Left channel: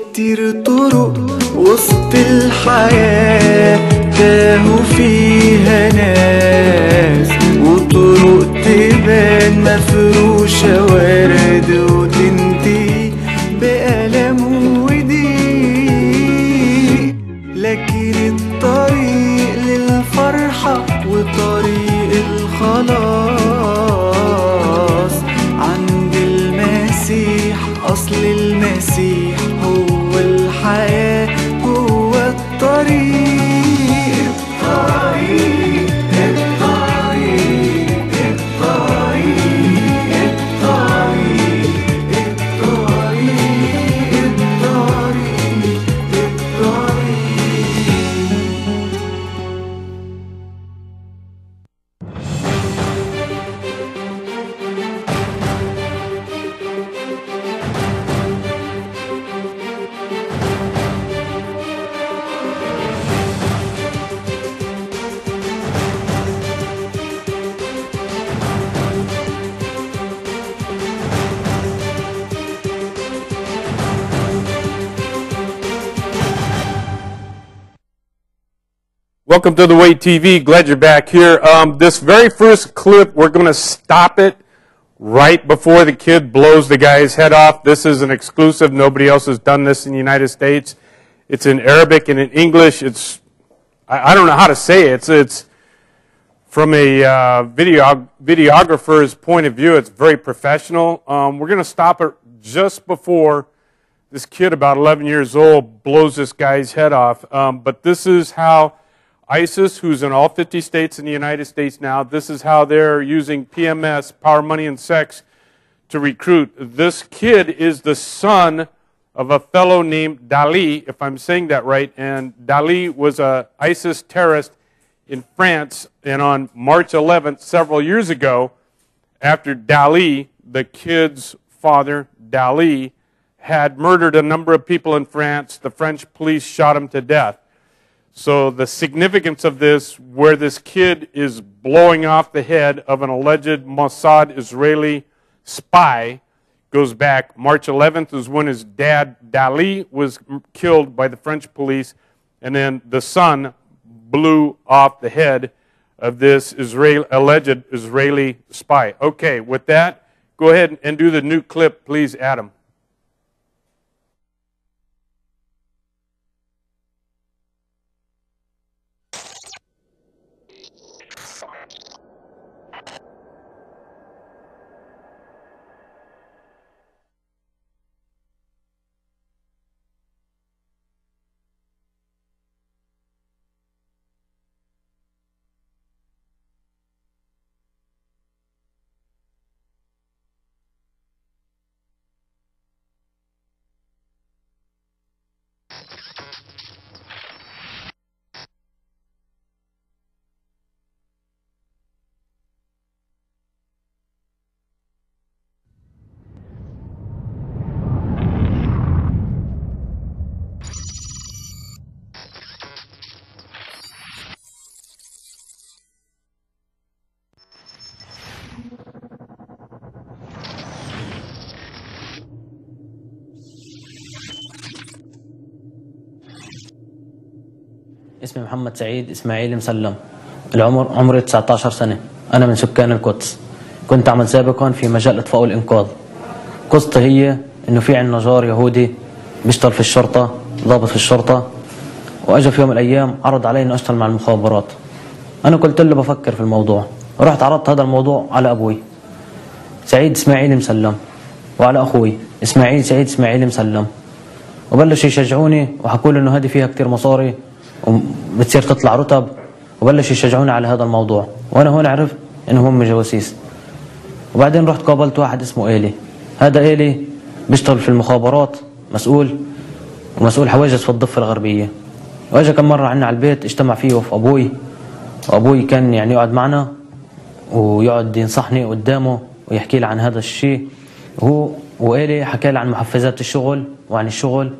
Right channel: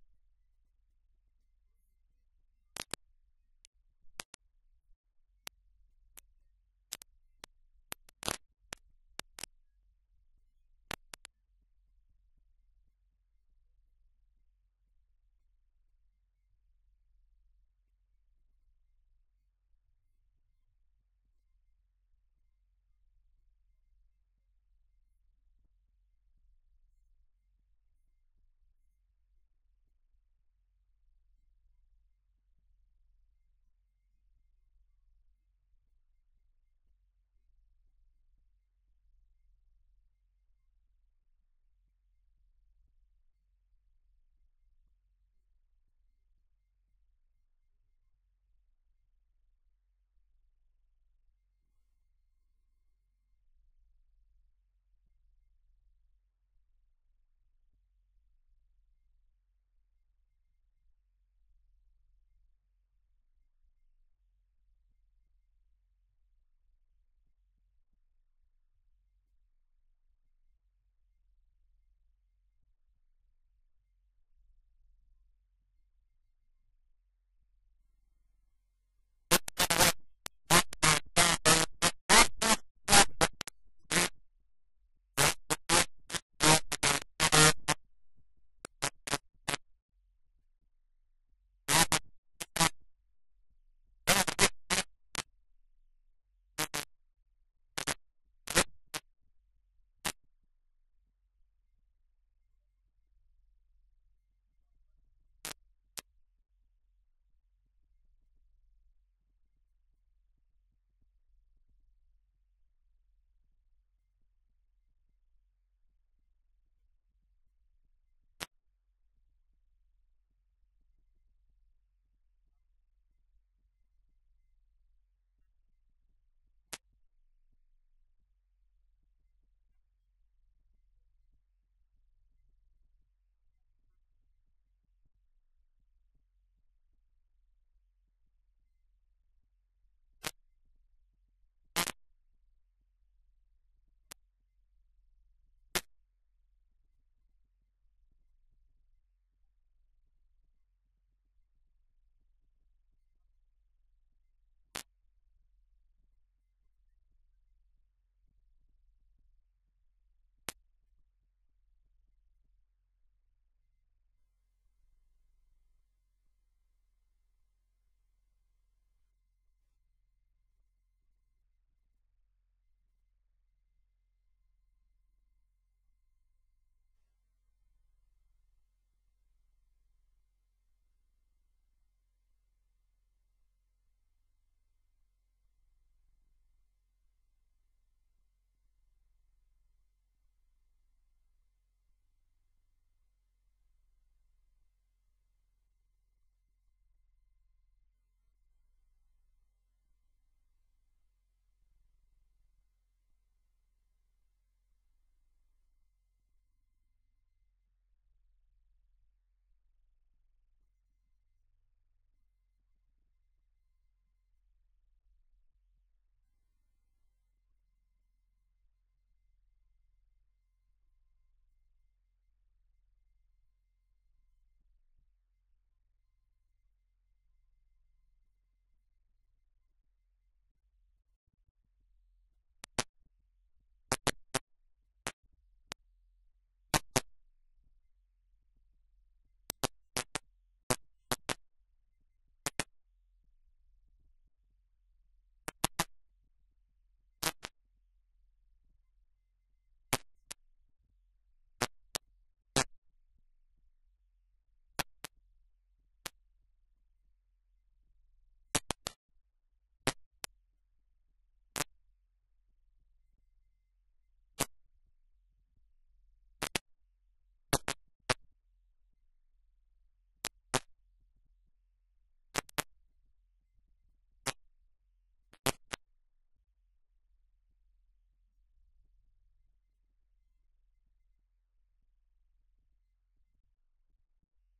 كتير طرق وسط الحياة تاهوا فيها ناس، وطرق تبان مفروشة ورد وتنتهي بألم وضيق، لكن الطريق للفرحة وطريق الخلاص عند المسيح. أصل المسيح هو الحياة، هو الطريق الطريق الطريق الطريق الطريق Welcome to The Way TV. Glad you're back here. This very first clip, we're going to stop it right before the kid blows the guy's head off. This is an exclusive. Nobody else has done this in the United States. It's in Arabic and in English. It's, I don't know how to say it. It's from a videographer's point of view. It's very professional. We're going to stop it just before this kid, about 11 years old, blows this guy's head off. But this is how ISIS, who's in all 50 states in the United States now, this is how they're using PMS, power, money, and sex, to recruit. This kid is the son of a fellow named Dali, if I'm saying that right, and Dali was a ISIS terrorist in France, and on March 11th, several years ago, after Dali, the kid's father, Dali, had murdered a number of people in France, the French police shot him to death. So the significance of this, where this kid is blowing off the head of an alleged Mossad Israeli spy, goes back. March 11th is when his dad, Dali, was killed by the French police, and then the son blew off the head of this alleged Israeli spy. Okay, with that, go ahead and do the new clip, please, Adam. اسمي محمد سعيد إسماعيل مسلم. عمري 19 سنة. أنا من سكان القدس. كنت أعمل سابقا في مجال الإطفاء والإنقاذ. قصتي هي إنه في عندنا جار يهودي بيشتغل في الشرطة، ضابط في الشرطة، وأجا في يوم من الأيام عرض علي إنه أشتغل مع المخابرات. أنا قلت له بفكر في الموضوع. رحت عرضت هذا الموضوع على أبوي سعيد إسماعيل مسلم، وعلى أخوي إسماعيل سعيد إسماعيل مسلم، وبلشوا يشجعوني وحكوا لي إنه هذه فيها كتير مصاري وبتصير تطلع رتب، وبلشوا يشجعوني على هذا الموضوع. وانا هون عرفت انهم هم جواسيس. وبعدين رحت قابلت واحد اسمه إيلي. هذا إيلي بيشتغل في المخابرات، مسؤول حواجز في الضفة الغربية. واجا كم مرة عنا على البيت، اجتمع فيه وفي ابوي، وابوي كان يعني يقعد معنا ويقعد ينصحني قدامه ويحكي لي عن هذا الشيء. وإيلي حكى لي عن محفزات الشغل وعن الشغل،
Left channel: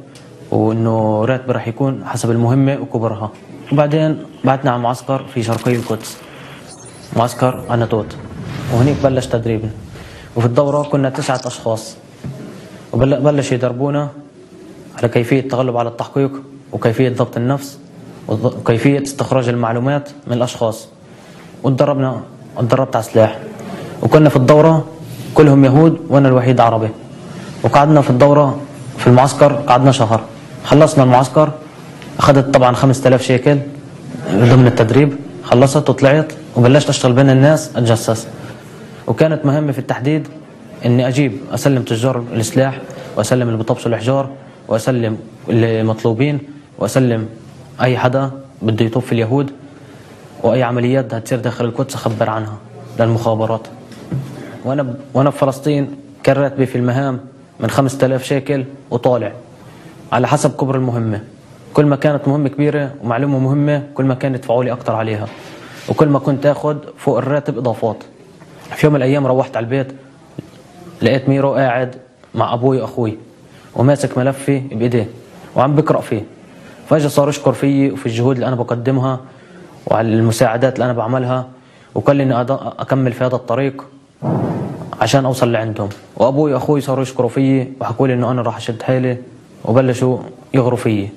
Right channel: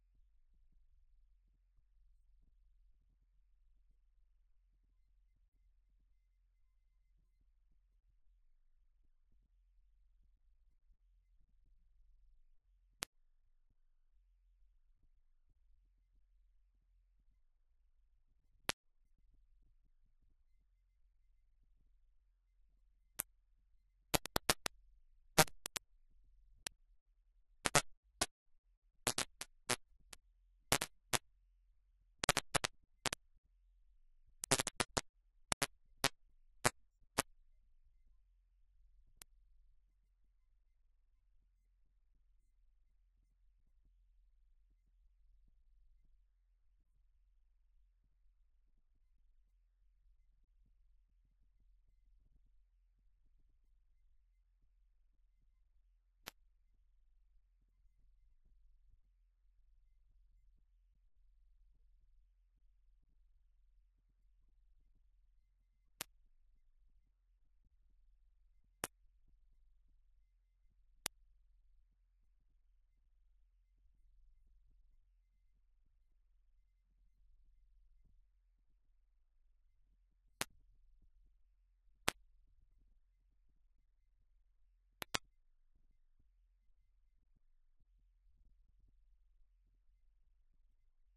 وانه راتبي راح يكون حسب المهمه وكبرها. وبعدين بعتنا على معسكر في شرقي القدس، معسكر عناتوت، وهنيك بلش تدريبنا. وفي الدوره كنا 9 اشخاص، وبلش يدربونا على كيفية التغلب على التحقيق وكيفية ضبط النفس وكيفية استخراج المعلومات من الأشخاص. اتدربت على سلاح، وكنا في الدورة كلهم يهود وأنا الوحيد عربي، وقعدنا في الدورة في المعسكر قعدنا شهر. خلصنا المعسكر، أخذت طبعا 5000 شيكل ضمن التدريب، خلصت وطلعت وبلشت أشتغل بين الناس أتجسس. وكانت مهمة في التحديد إني أسلم تجار السلاح، وأسلم اللي بيطبسوا الأحجار، وأسلم اللي مطلوبين، وأسلم أي حدا بده يطوف في اليهود، وأي عمليات بدها تصير داخل القدس أخبر عنها للمخابرات. وأنا في فلسطين كان راتبي في المهام من 5000 شيكل وطالع على حسب كبر المهمة. كل ما كانت مهمة كبيرة ومعلومة مهمة كل ما كان يدفعوا لي أكتر عليها، وكل ما كنت أخذ فوق الراتب إضافات. في يوم من الأيام روحت على البيت لقيت ميرو قاعد مع أبوي وأخوي وماسك ملفي بإيديه وعم بقرأ فيه، فاجا صار يشكر فيي وفي الجهود اللي أنا بقدمها وعلى المساعدات اللي أنا بعملها، وقال لي إني أكمل في هذا الطريق عشان أوصل لعندهم. وأبوي وأخوي صاروا يشكروا فيي وحكوا لي إنه أنا راح أشد حيلي، وبلشوا يغروا فيي.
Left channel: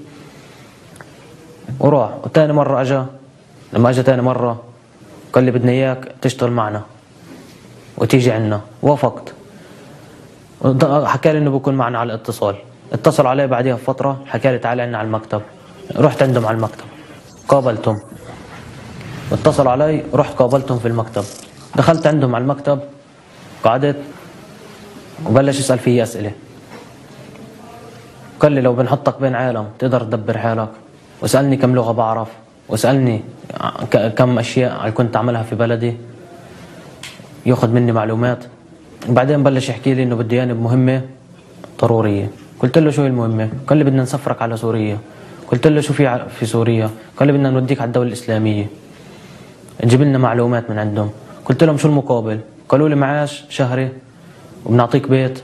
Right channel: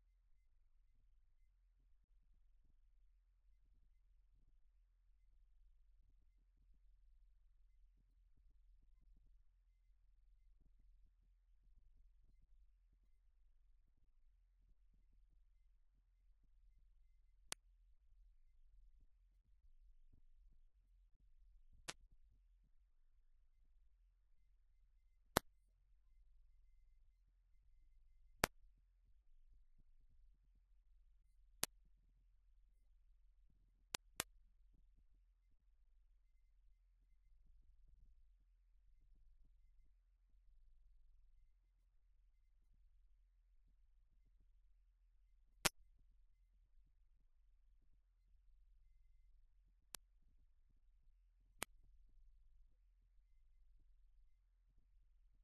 وراح وتاني مرة لما أجا تاني مرة قال لي بدنا إياك تشتغل معنا وتيجي عنا. وافقت، حكى لي إنه بكون معنا على الاتصال. اتصل علي بعدها بفترة حكى لي تعال عنا على المكتب. رحت عندهم على المكتب قابلتهم، واتصل علي رحت قابلتهم في المكتب. دخلت عندهم على المكتب قعدت وبلش يسأل فيي أسئلة. قال لي لو بنحطك بين عالم تقدر تدبر حالك، وسألني كم لغة بعرف، وسألني كم أشياء اللي كنت أعملها في بلدي، يأخذ مني معلومات. وبعدين بلش يحكي لي إنه بده ياني بمهمة ضرورية. قلت له شو هي المهمة؟ قال لي بدنا نسفرك على سوريا. قلت له شو في سوريا؟ قال لي بدنا نوديك على الدولة الإسلامية، نجيب لنا معلومات من عندهم. قلت لهم شو المقابل؟ قالوا لي معاش شهري وبنعطيك بيت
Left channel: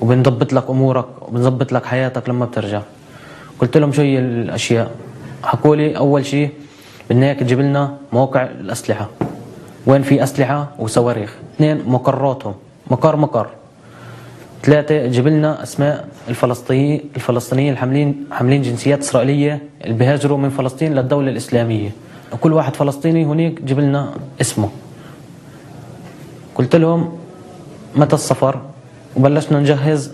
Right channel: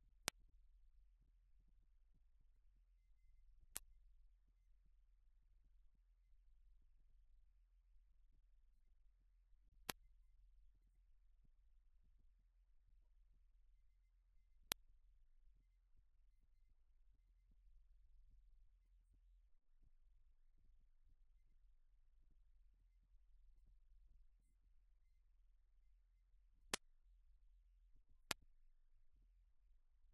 وبنضبط لك أمورك وبنضبط لك حياتك لما بترجع. قلت لهم شو هي الأشياء؟ حكوا لي أول شيء بدنا إياك تجيب لنا مواقع الأسلحة، وين في أسلحة وصواريخ. 2 مقراتهم، مقر. 3 تجيب لنا أسماء الفلسطينيين حاملين جنسيات إسرائيلية اللي بيهاجروا من فلسطين للدولة الإسلامية، وكل واحد فلسطيني هناك جيب لنا اسمه. قلت لهم متى السفر؟ وبلشنا نجهز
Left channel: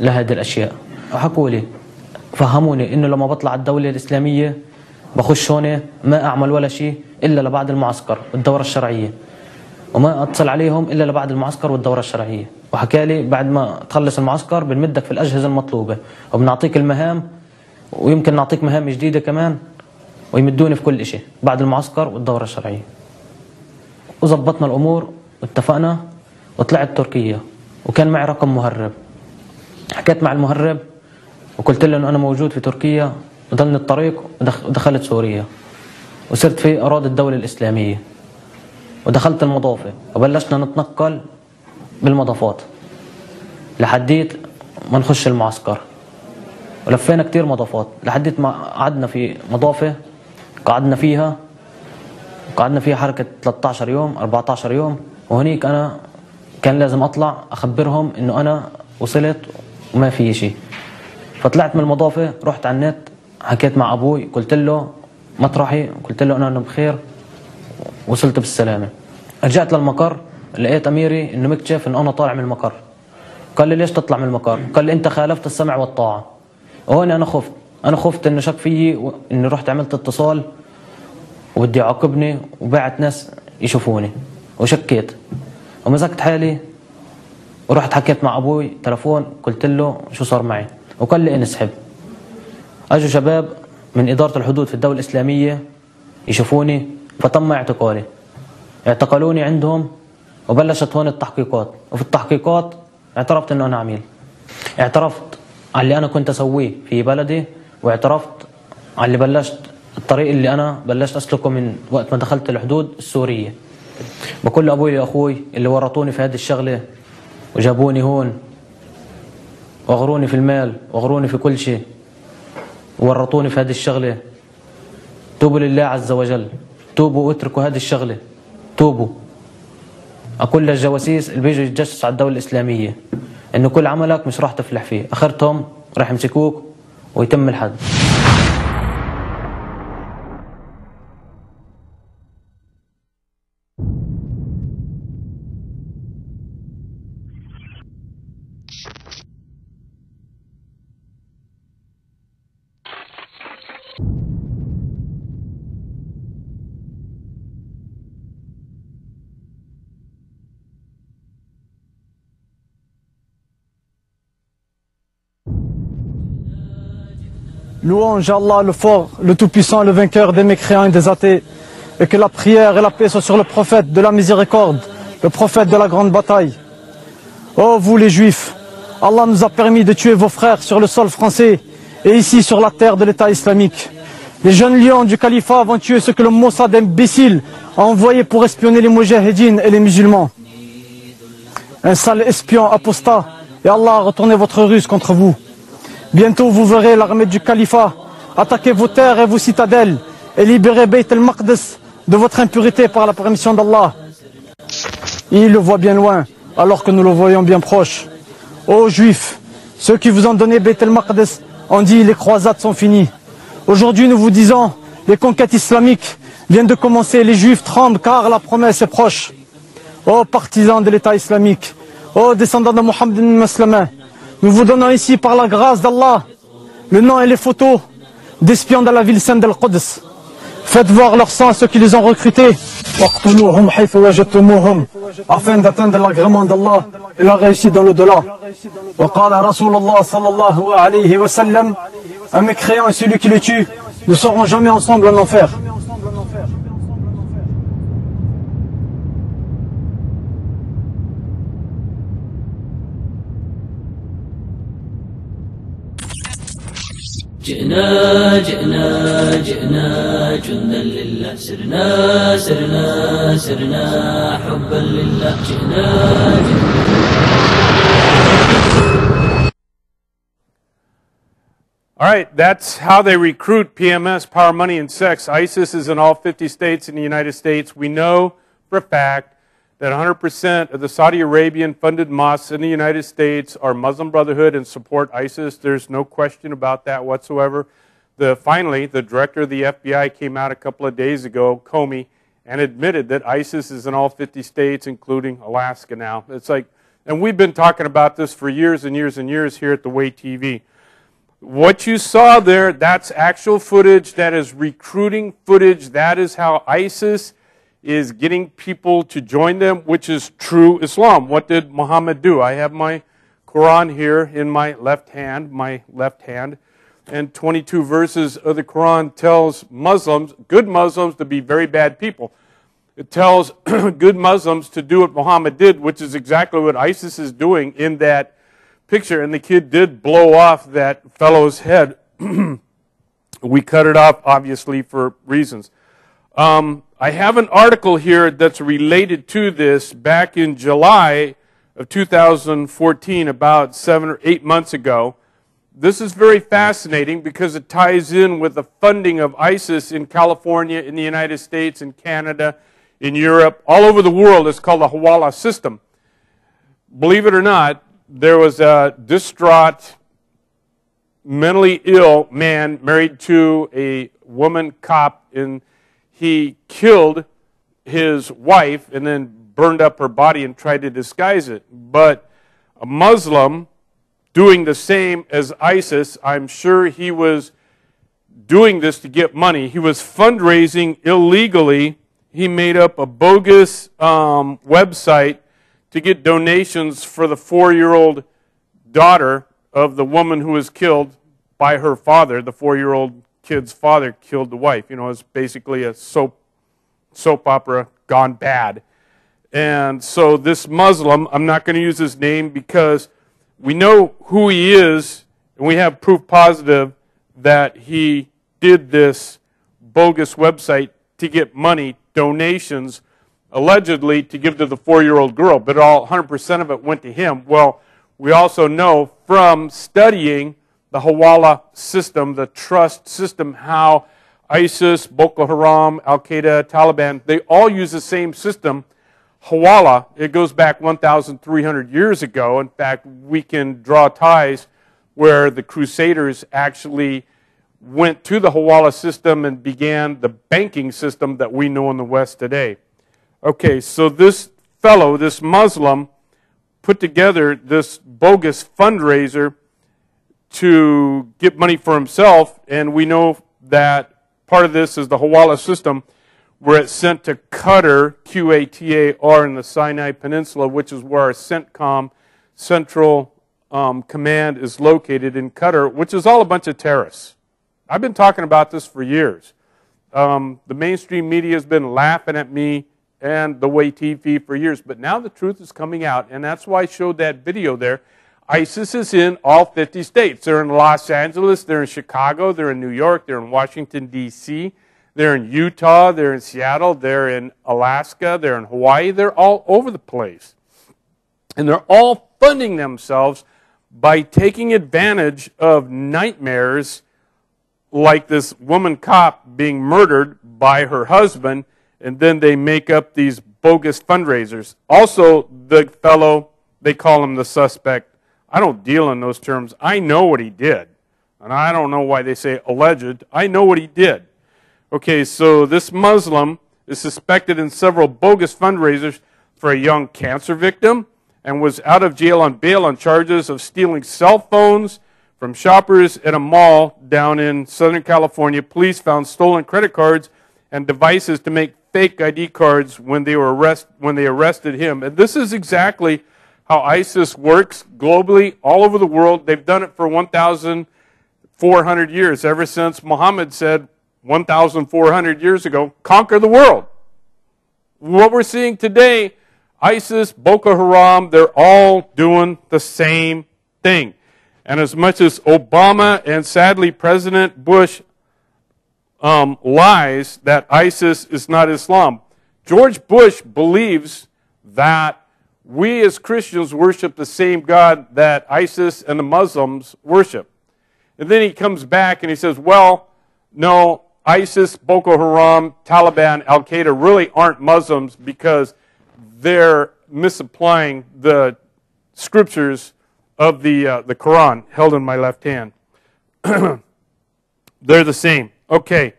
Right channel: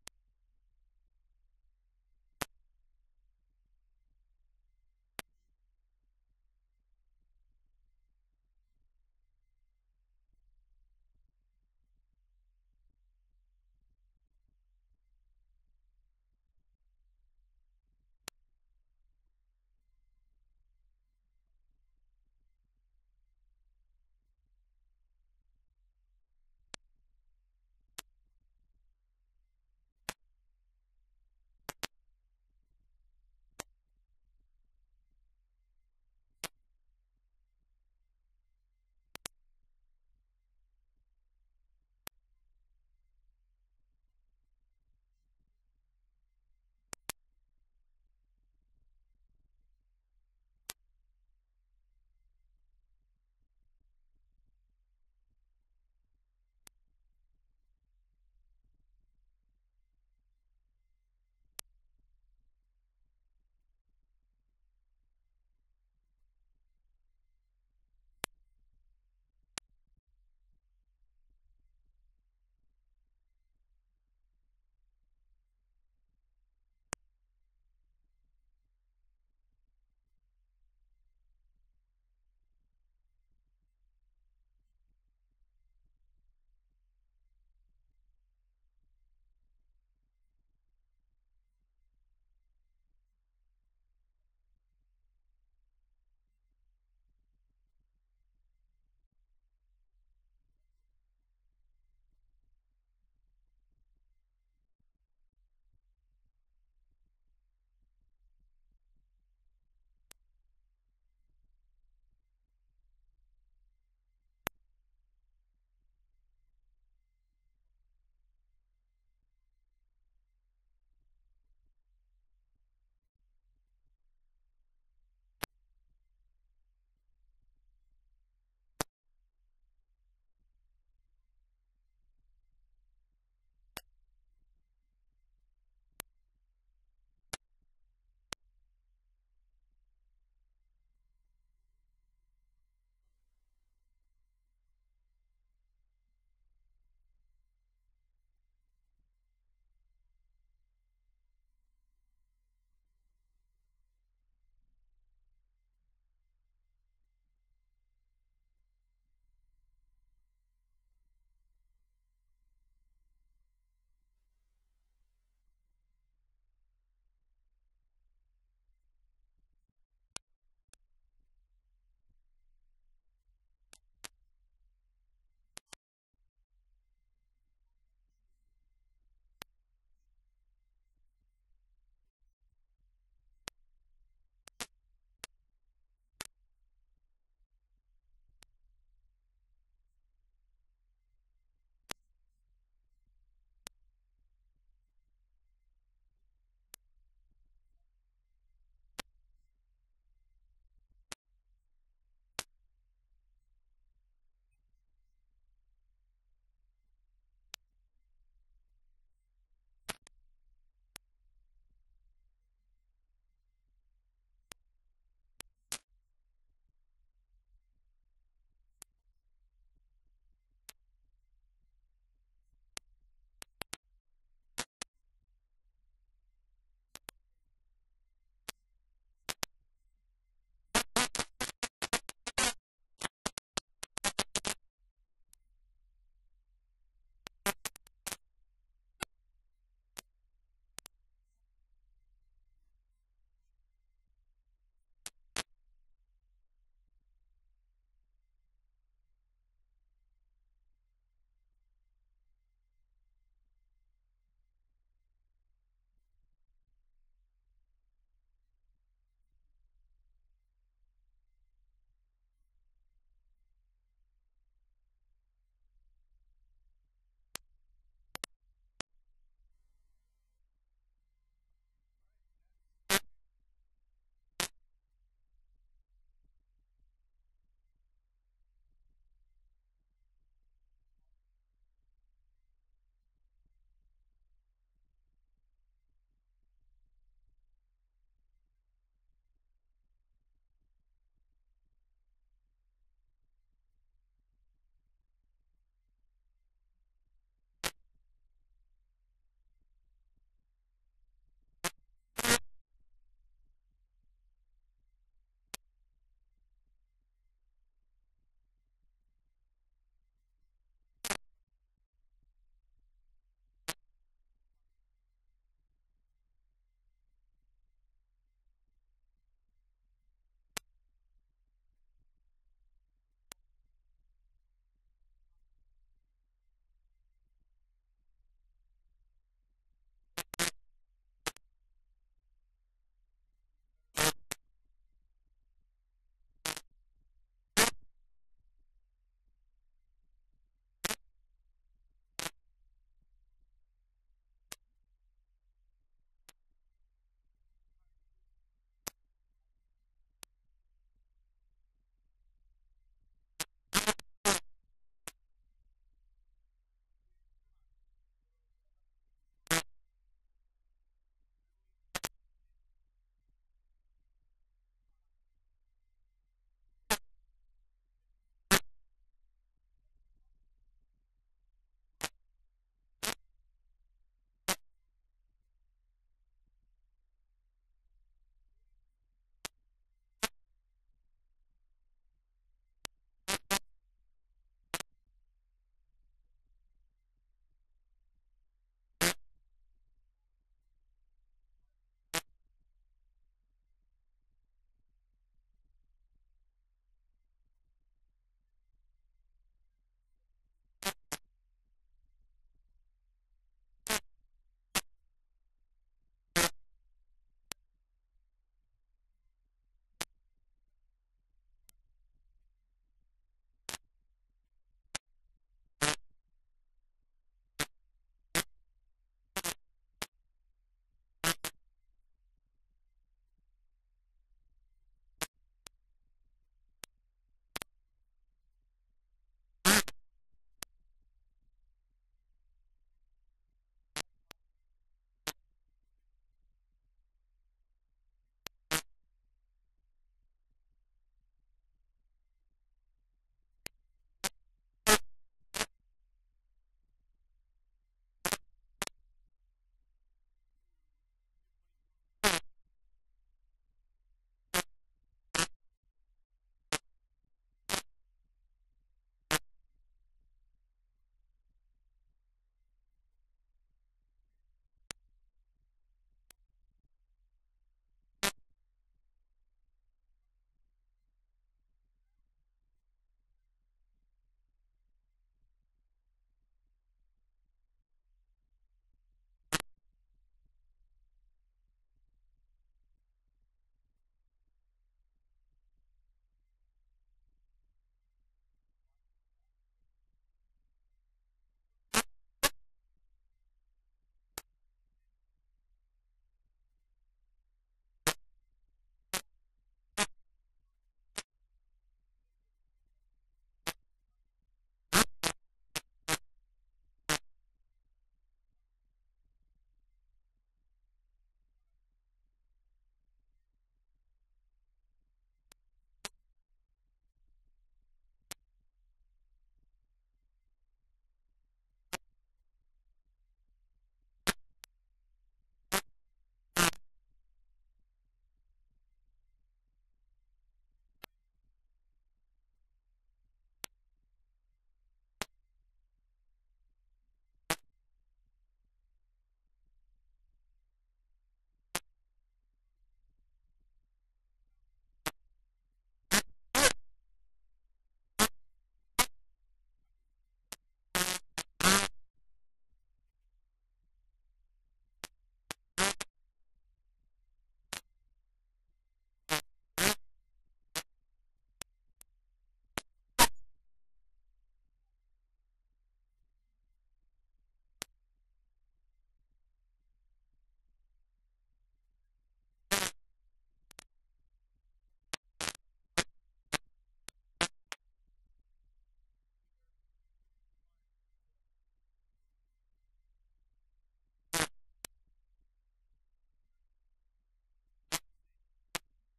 لهذه الأشياء. وحكوا لي فهموني إنه لما بطلع الدولة الإسلامية بخش هون ما أعمل ولا شيء إلا لبعد المعسكر والدورة الشرعية، وما أتصل عليهم إلا لبعد المعسكر والدورة الشرعية. وحكى لي بعد ما تخلص المعسكر بنمدك في الأجهزة المطلوبة وبنعطيك المهام، ويمكن نعطيك مهام جديدة كمان، ويمدوني في كل شيء بعد المعسكر والدورة الشرعية. وزبطنا الأمور واتفقنا وطلعت تركيا، وكان معي رقم مهرب. حكيت مع المهرب وقلت له أنه أنا موجود في تركيا، وضلني الطريق ودخلت سوريا وصرت في أراضي الدولة الإسلامية، ودخلت المضافة وبلشنا نتنقل بالمضافات لحديت ما نخش المعسكر. ولفينا كتير مضافات لحديت ما قعدنا في مضافة قعدنا فيها حركة 13 يوم 14 يوم. وهنيك أنا كان لازم أطلع أخبرهم إنه أنا وصلت وما في شيء. فطلعت من المضافة رحت على النت حكيت مع أبوي، قلت له مطرحي، قلت له أنا بخير وصلت بالسلامة. رجعت للمقر لقيت أميري إنه مكتشف إنه أنا طالع من المقر. قال لي ليش تطلع من المقر؟ قال لي أنت خالفت السمع والطاعة. وهون أنا خفت إنه شك فيي، إني رحت عملت اتصال وبدي يعاقبني وبعت ناس يشوفوني، وشكيت ومسكت حالي ورحت حكيت مع أبوي تلفون، قلت له شو صار معي، وقال لي انسحب. أجوا شباب من إدارة الحدود في الدولة الإسلامية يشوفوني، فتم اعتقالي. اعتقلوني عندهم وبلشت هون التحقيقات. وفي التحقيقات اعترفت إنه أنا عميل، اعترفت على اللي أنا كنت أسويه في بلدي، واعترفت على اللي الطريق اللي أنا بلشت أسلكه من وقت ما دخلت الحدود السورية. بكل أبوي وأخوي اللي ورطوني في هذه الشغلة وجابوني هون وأغروني في المال وأغروني في كل شيء وورطوني في هذه الشغلة، توبوا لله عز وجل، توبوا واتركوا هذه الشغلة، توبوا. أقول للجواسيس اللي بيجوا يتجسسوا على الدولة الإسلامية إنه كل عملك مش راح تفلح فيه، آخرتهم راح يمسكوك ويتم الحد. Louange à Allah, le fort, le tout-puissant, le vainqueur des mécréants et des athées. Et que la prière et la paix soient sur le prophète de la miséricorde, le prophète de la grande bataille. Ô vous les juifs, Allah nous a permis de tuer vos frères sur le sol français et ici sur la terre de l'État islamique. Les jeunes lions du califat vont tuer ce que le Mossad imbécile a envoyé pour espionner les moudjahidines et les musulmans. Un sale espion apostat, et Allah a retourné votre ruse contre vous. Bientôt vous verrez l'armée du califat attaquer vos terres et vos citadelles et libérer Beit el-Maqdis de votre impureté par la permission d'Allah. Il le voit bien loin, alors que nous le voyons bien proche. Ô Juifs, ceux qui vous ont donné Beit el-Maqdis ont dit les croisades sont finies. Aujourd'hui nous vous disons, les conquêtes islamiques viennent de commencer, les Juifs tremblent car la promesse est proche. Ô partisans de l'État islamique, ô descendants de Mohammed musulmans, nous vous donnons ici par la grâce d'Allah le nom et les photos d'espions de la ville sainte d'Al-Quds. Faites voir leur sang à ceux qui les ont recrutés afin d'atteindre l'agrément d'Allah et la réussite dans l'au-delà. Un mécréant et celui qui le tue ne seront jamais ensemble en enfer. جئنا جئنا جئنا جندا لله سرنا سرنا سرنا حبا لله جئنا All right, that's how they recruit PMS, power, money, and sex. ISIS is in all 50 states in the United States. We know for a fact that 100% of the Saudi Arabian-funded mosques in the United States are Muslim Brotherhood and support ISIS. There's no question about that whatsoever. Finally, the director of the FBI came out a couple of days ago, Comey, and admitted that ISIS is in all 50 states, including Alaska now. It's like, and we've been talking about this for years and years and years here at the Way TV. What you saw there, that's actual footage. That is recruiting footage. That is how ISIS is getting people to join them, which is true Islam. What did Muhammad do? I have my Quran here in my left hand, and 22 verses of the Quran tells Muslims, good Muslims, to be very bad people. It tells good Muslims to do what Muhammad did, which is exactly what ISIS is doing in that picture. And the kid did blow off that fellow's head. We cut it off, obviously, for reasons. I have an article here that's related to this back in July of 2014, about 7 or 8 months ago. This is very fascinating because it ties in with the funding of ISIS in California, in the United States, in Canada, in Europe, all over the world. It's called the Hawala system. Believe it or not, there was a distraught, mentally ill man married to a woman cop, and he killed his wife and then burned up her body and tried to disguise it. But a Muslim doing the same as ISIS, I'm sure he was doing this to get money. He was fundraising illegally. He made up a bogus website to get donations for the 4-year-old daughter of the woman who was killed by her father. The 4-year-old kid's father killed the wife. You know, it's basically a soap opera gone bad. And so this Muslim, I'm not going to use his name because we know who he is, and we have proof positive that he did this bogus website to get money, donations, allegedly to give to the 4-year-old girl, but all 100% of it went to him. Well, we also know from studying the Hawala system, the trust system, how ISIS, Boko Haram, Al-Qaeda, Taliban, they all use the same system. Hawala, it goes back 1,300 years ago. In fact, we can draw ties where the Crusaders actually went to the Hawala system and began the banking system that we know in the West today. Okay, so this fellow, this Muslim, put together this bogus fundraiser to get money for himself, and we know that part of this is the Hawala system, where it's sent to Qatar, Qatar, in the Sinai Peninsula, which is where our CENTCOM, Central Command, is located in Qatar, which is all a bunch of terrorists. I've been talking about this for years. The mainstream media has been laughing at me and the way TV for years, but now the truth is coming out, and that's why I showed that video there. ISIS is in all 50 states. They're in Los Angeles, they're in Chicago, they're in New York, they're in Washington, D.C., they're in Utah, they're in Seattle, they're in Alaska, they're in Hawaii, they're all over the place. And they're all funding themselves by taking advantage of nightmares like this woman cop being murdered by her husband, and then they make up these bogus fundraisers. Also, the fellow, they call him the suspect. I don't deal in those terms. I know what he did. And I don't know why they say alleged. I know what he did. Okay, so this Muslim is suspected in several bogus fundraisers for a young cancer victim and was out of jail on bail on charges of stealing cell phones from shoppers at a mall down in Southern California. Police found stolen credit cards and devices to make fake ID cards when they arrested him. And this is exactly how ISIS works globally, all over the world. They've done it for 1,400 years, ever since Muhammad said 1,400 years ago, conquer the world. What we're seeing today, ISIS, Boko Haram, they're all doing the same thing. And as much as Obama and sadly President Bush lies that ISIS is not Islam, George Bush believes that we as Christians worship the same God that ISIS and the Muslims worship. And then he comes back and he says, well, no, ISIS, Boko Haram, Taliban, Al-Qaeda really aren't Muslims because they're misapplying the scriptures of the Quran, held in my left hand. They're the same. Okay.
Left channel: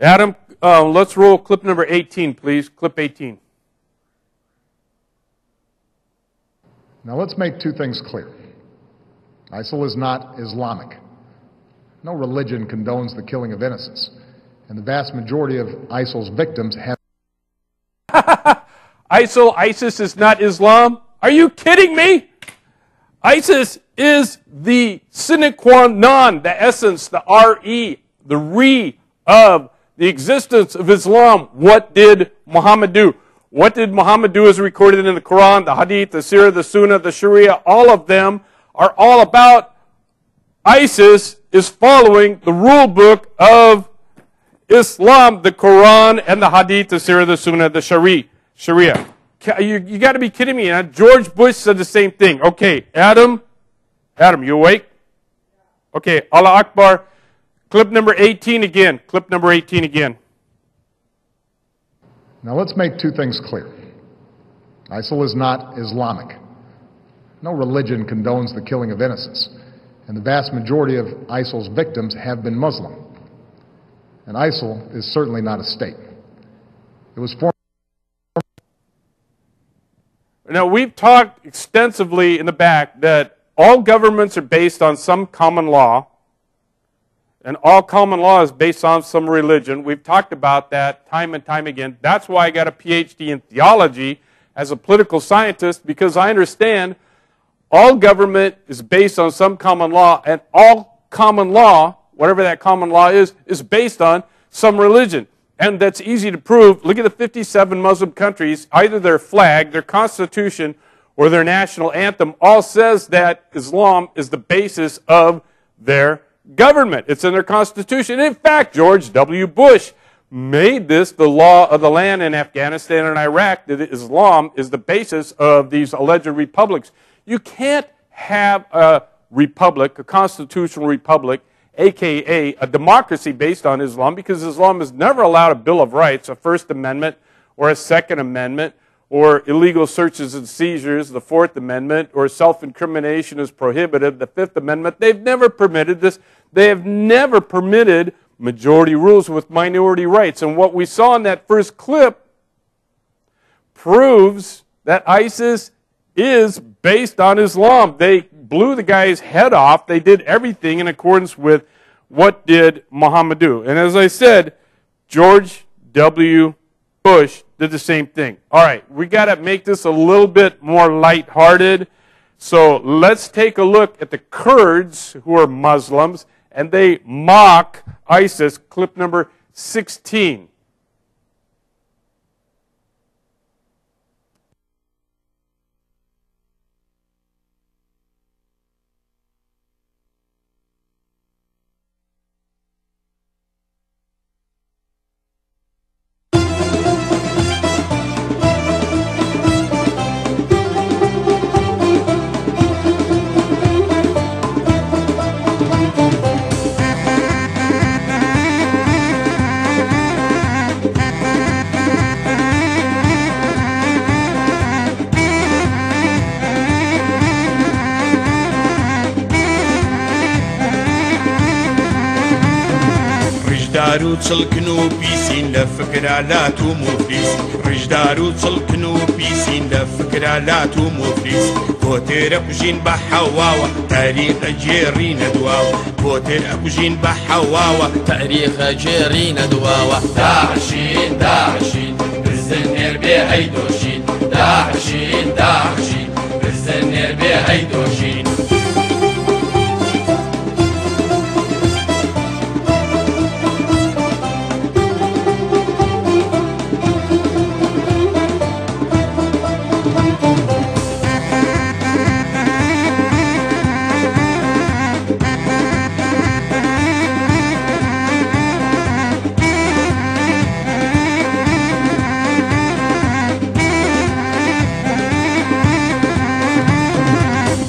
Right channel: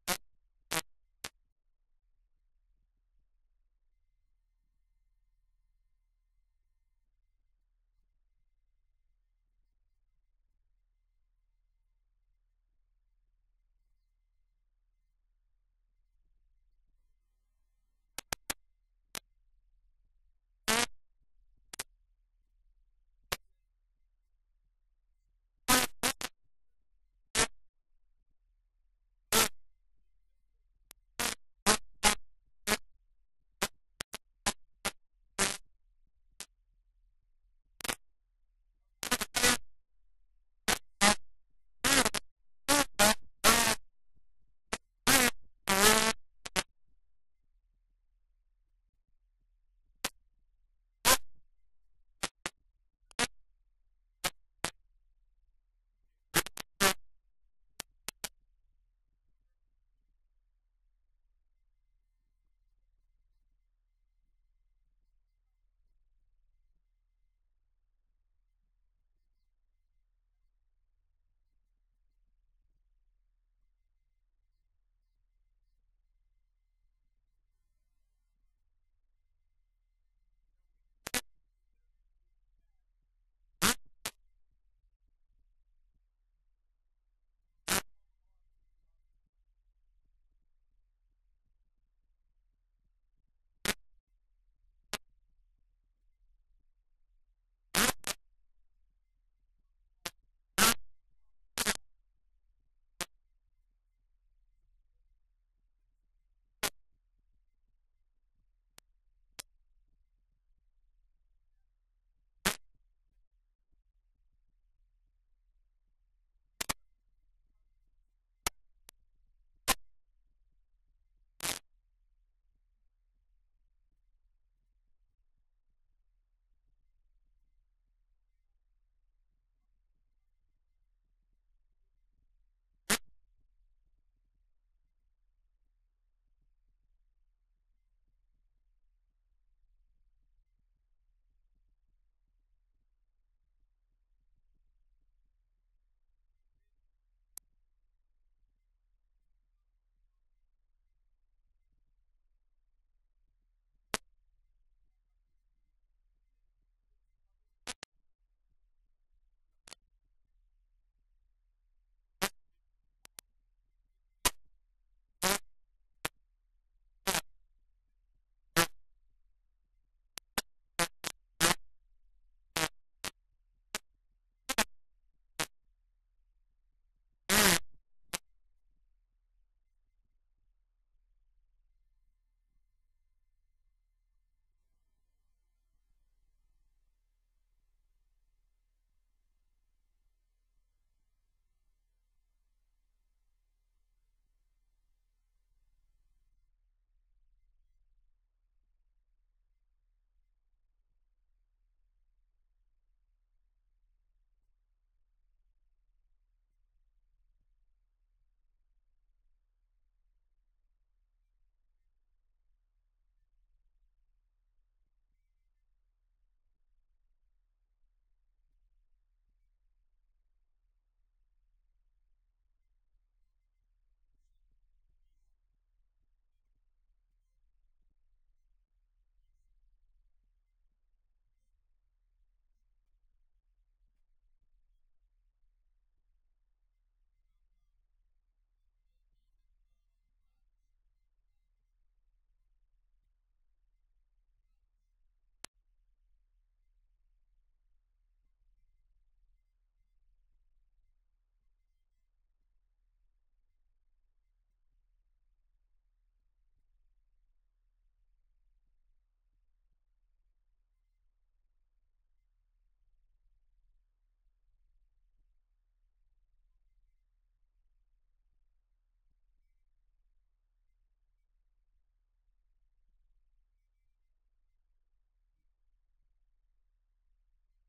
Adam, let's roll clip number 18, please. Clip 18. Now let's make two things clear. ISIL is not Islamic. No religion condones the killing of innocents. And the vast majority of ISIL's victims have... ISIS is not Islam? Are you kidding me? ISIS is the sine qua non, the essence, the re, the re of the existence of Islam. What did Muhammad do? What did Muhammad do as recorded in the Quran, the Hadith, the Sirah, the Sunnah, the Sharia? All of them are all about ISIS is following the rule book of Islam, the Quran, and the Hadith, the Sirah, the Sunnah, the Sharia. You got to be kidding me. George Bush said the same thing. Okay, Adam, you awake? Okay, Allah Akbar. Clip number 18 again. Clip number 18 again. Now let's make two things clear. ISIL is not Islamic. No religion condones the killing of innocents. And the vast majority of ISIL's victims have been Muslim. And ISIL is certainly not a state. It was formed... Now, we've talked extensively in the back that all governments are based on some common law, and all common law is based on some religion. We've talked about that time and time again. That's why I got a PhD in theology as a political scientist, because I understand all government is based on some common law, and all common law, whatever that common law is based on some religion. And that's easy to prove. Look at the 57 Muslim countries. Either their flag, their constitution, or their national anthem all says that Islam is the basis of their government. It's in their constitution. In fact, George W. Bush made this the law of the land in Afghanistan and Iraq, that Islam is the basis of these alleged republics. You can't have a republic, a constitutional republic, a.k.a. a democracy based on Islam, because Islam has never allowed a Bill of Rights, a First Amendment, or a Second Amendment, or illegal searches and seizures, the Fourth Amendment, or self-incrimination is prohibited, the Fifth Amendment. They've never permitted this. They have never permitted majority rules with minority rights. And what we saw in that first clip proves that ISIS is based on Islam. They blew the guy's head off. They did everything in accordance with what did Mohammed do. And as I said, George W. Bush did the same thing. All right, we got to make this a little bit more lighthearted. So let's take a look at the Kurds, who are Muslims, and they mock ISIS. Clip number 16. رجدارو تسلكنو بيسين لفكرة لا تو مفلس رجدارو تسلكنو بيسين لفكرة لا تو مفلس بوتر أكوجين بحواوا تاريخ جيرين دواوا بوتر أكوجين بحواوا تاريخ جيرين دواوا داعشين داعشين بالزنير بهيدوشين داعشين داعشين بالزنير بهيدوشين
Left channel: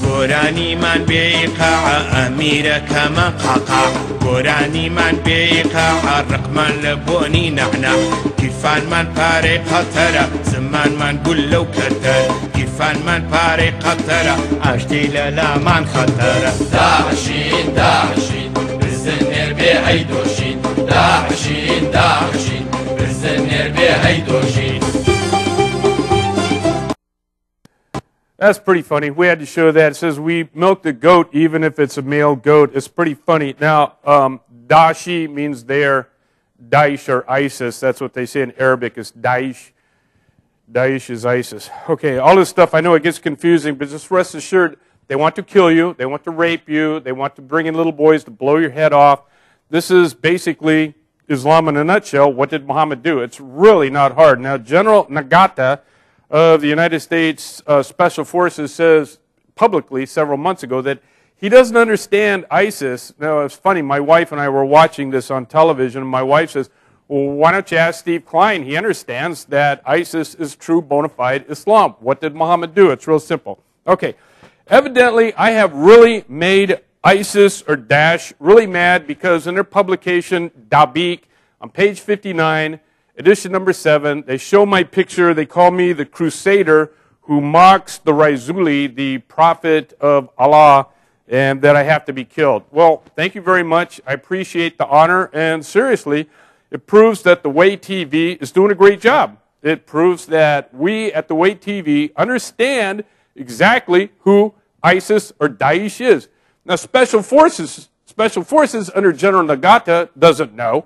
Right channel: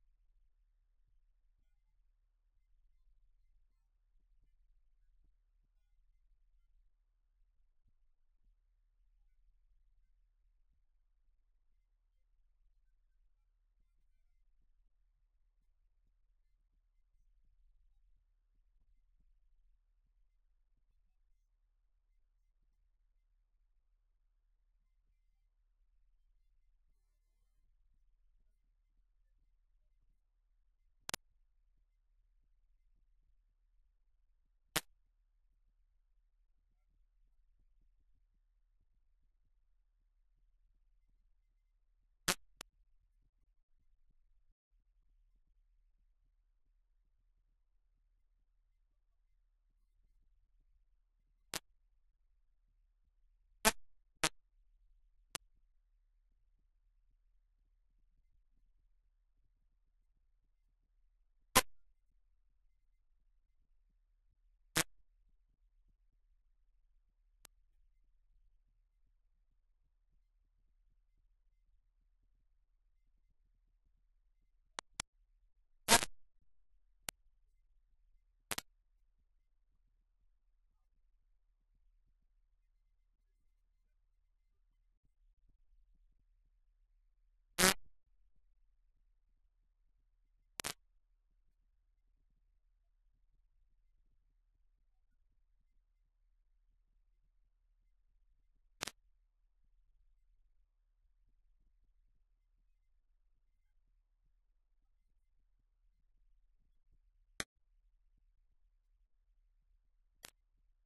قراني من بيقع أميرة كما قاقع قراني من بيقع الرقم لبوني نعنع كيفان من باري قطرة زمان من قول لو كتر كيفان من باري قطرة عشتي لا من خطرة داعشين داعشين بالزنير بهيدوشين داعشين داعشين بالزنير بهيدوشين. That's pretty funny. We had to show that. It says we milk the goat even if it's a male goat. It's pretty funny. Now, Daesh means they're Daesh or ISIS. That's what they say in Arabic. It's Daesh. Daesh is ISIS. Okay, all this stuff, I know it gets confusing, but just rest assured, they want to kill you. They want to rape you. They want to bring in little boys to blow your head off. This is basically Islam in a nutshell. What did Muhammad do? It's really not hard. Now, General Nagata of the United States Special Forces says publicly several months ago that he doesn't understand ISIS. Now, it's funny, my wife and I were watching this on television, and my wife says, well, why don't you ask Steve Klein? He understands that ISIS is true bona fide Islam. What did Muhammad do? It's real simple. Okay, evidently I have really made ISIS or Daesh really mad because in their publication, Dabiq, on page 59, edition number 7, they show my picture. They call me the crusader who mocks the Raisuli, the prophet of Allah, and that I have to be killed. Well, thank you very much. I appreciate the honor, and seriously, it proves that the Way TV is doing a great job. It proves that we at the Way TV understand exactly who ISIS or Daesh is. Now, Special Forces under General Nagata doesn't know.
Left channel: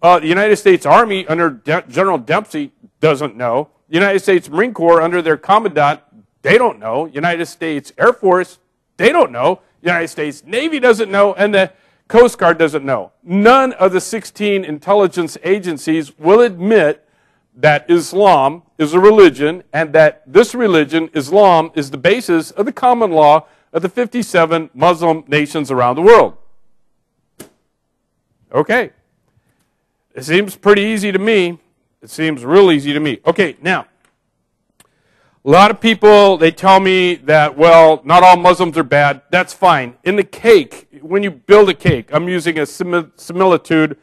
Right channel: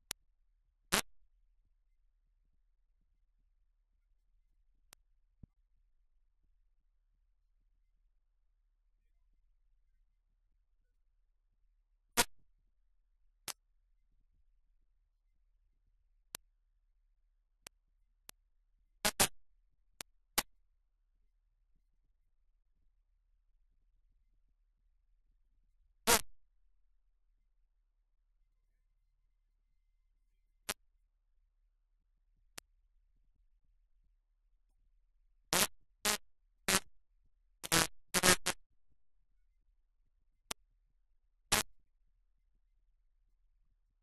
The United States Army under General Dempsey doesn't know. The United States Marine Corps under their commandant, they don't know. United States Air Force, they don't know. United States Navy doesn't know. And the Coast Guard doesn't know. None of the 16 intelligence agencies will admit that Islam is a religion and that this religion, Islam, is the basis of the common law of the 57 Muslim nations around the world. Okay. It seems pretty easy to me. It seems real easy to me. Okay, now, a lot of people, they tell me that, well, not all Muslims are bad. That's fine. In the cake, when you build a cake, I'm using a similitude,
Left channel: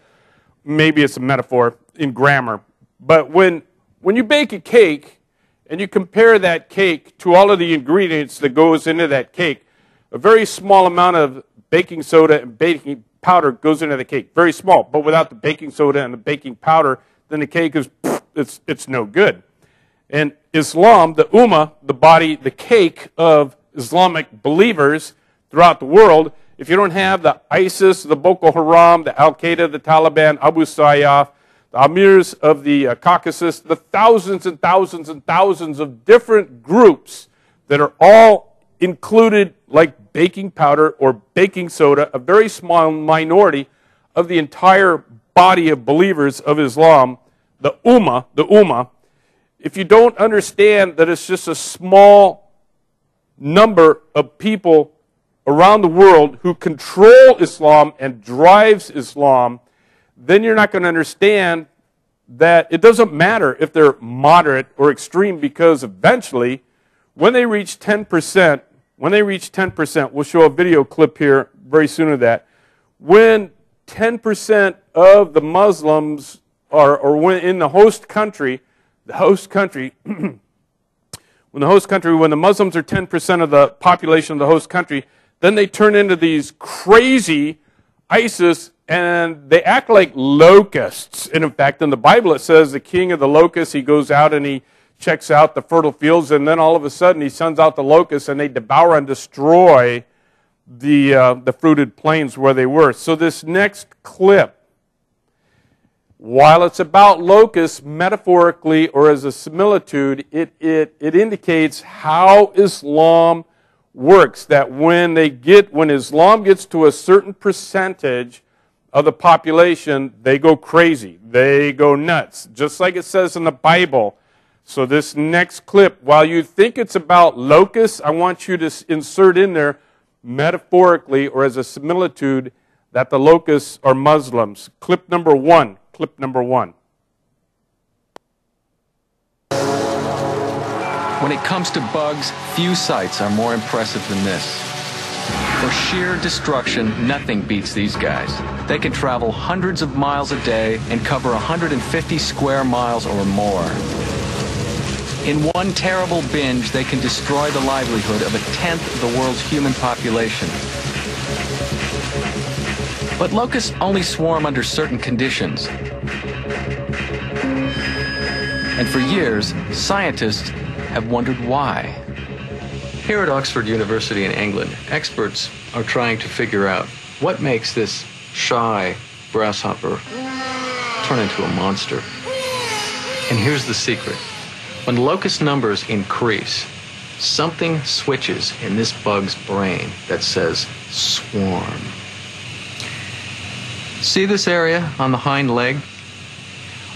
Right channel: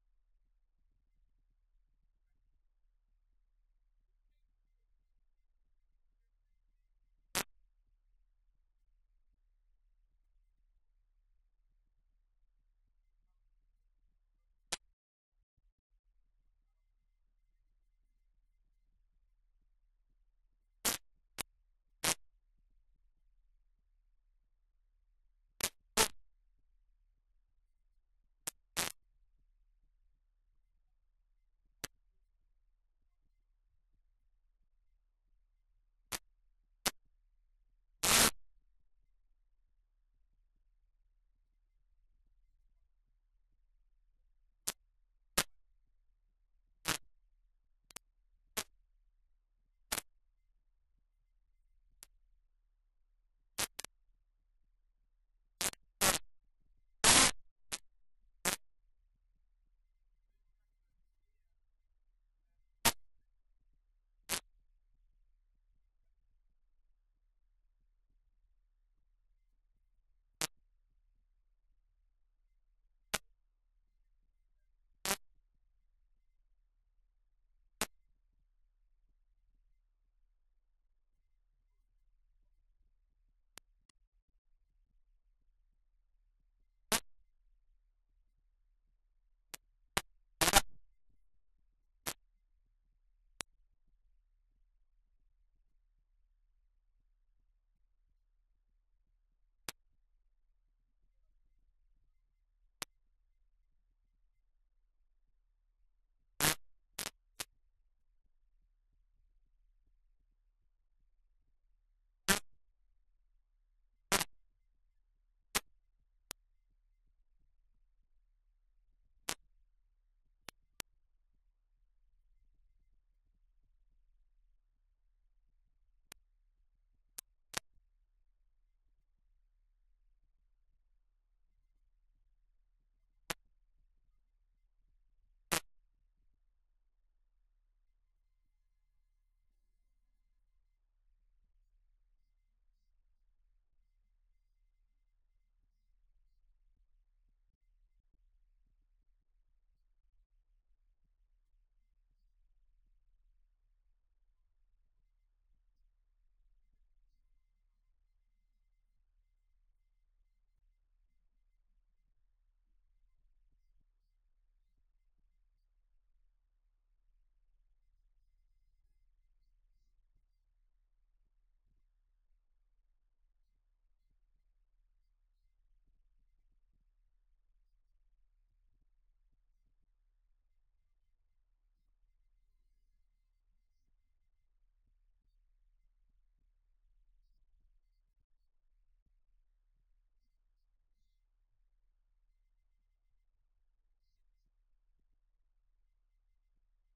maybe it's a metaphor in grammar, but when you bake a cake and you compare that cake to all of the ingredients that goes into that cake, a very small amount of baking soda and baking powder goes into the cake. Very small, but without the baking soda and the baking powder, then the cake is, it's no good. And Islam, the ummah, the body, the cake of Islamic believers throughout the world, if you don't have the ISIS, the Boko Haram, the Al-Qaeda, the Taliban, Abu Sayyaf, the emirs of the Caucasus, the thousands and thousands and thousands of different groups that are all included like baking powder or baking soda, a very small minority of the entire body of believers of Islam, the ummah, if you don't understand that it's just a small number of people around the world who control Islam and drives Islam, then you're not going to understand that it doesn't matter if they're moderate or extreme, because eventually, when they reach 10%, we'll show a video clip here very soon of that, when 10% of the Muslims or when in the host country, when the Muslims are 10% of the population of the host country, then they turn into these crazy ISIS, and they act like locusts. And in fact, in the Bible it says the king of the locusts, he goes out and he checks out the fertile fields, and then all of a sudden he sends out the locusts, and they devour and destroy the fruited plains where they were. So this next clip, while it's about locusts metaphorically or as a similitude, it indicates how Islam works, that when Islam gets to a certain percentage of the population, they go crazy, they go nuts, just like it says in the Bible. So this next clip, while you think it's about locusts, I want you to insert in there metaphorically or as a similitude that the locusts are Muslims. Clip number one. When it comes to bugs, few sights are more impressive than this. For sheer destruction, nothing beats these guys. They can travel hundreds of miles a day and cover 150 square miles or more. In one terrible binge, they can destroy the livelihood of 1/10 of the world's human population. But locusts only swarm under certain conditions. And for years, scientists have wondered why. Here at Oxford University in England, experts are trying to figure out what makes this shy grasshopper turn into a monster. And here's the secret. When locust numbers increase, something switches in this bug's brain that says swarm. See this area on the hind leg?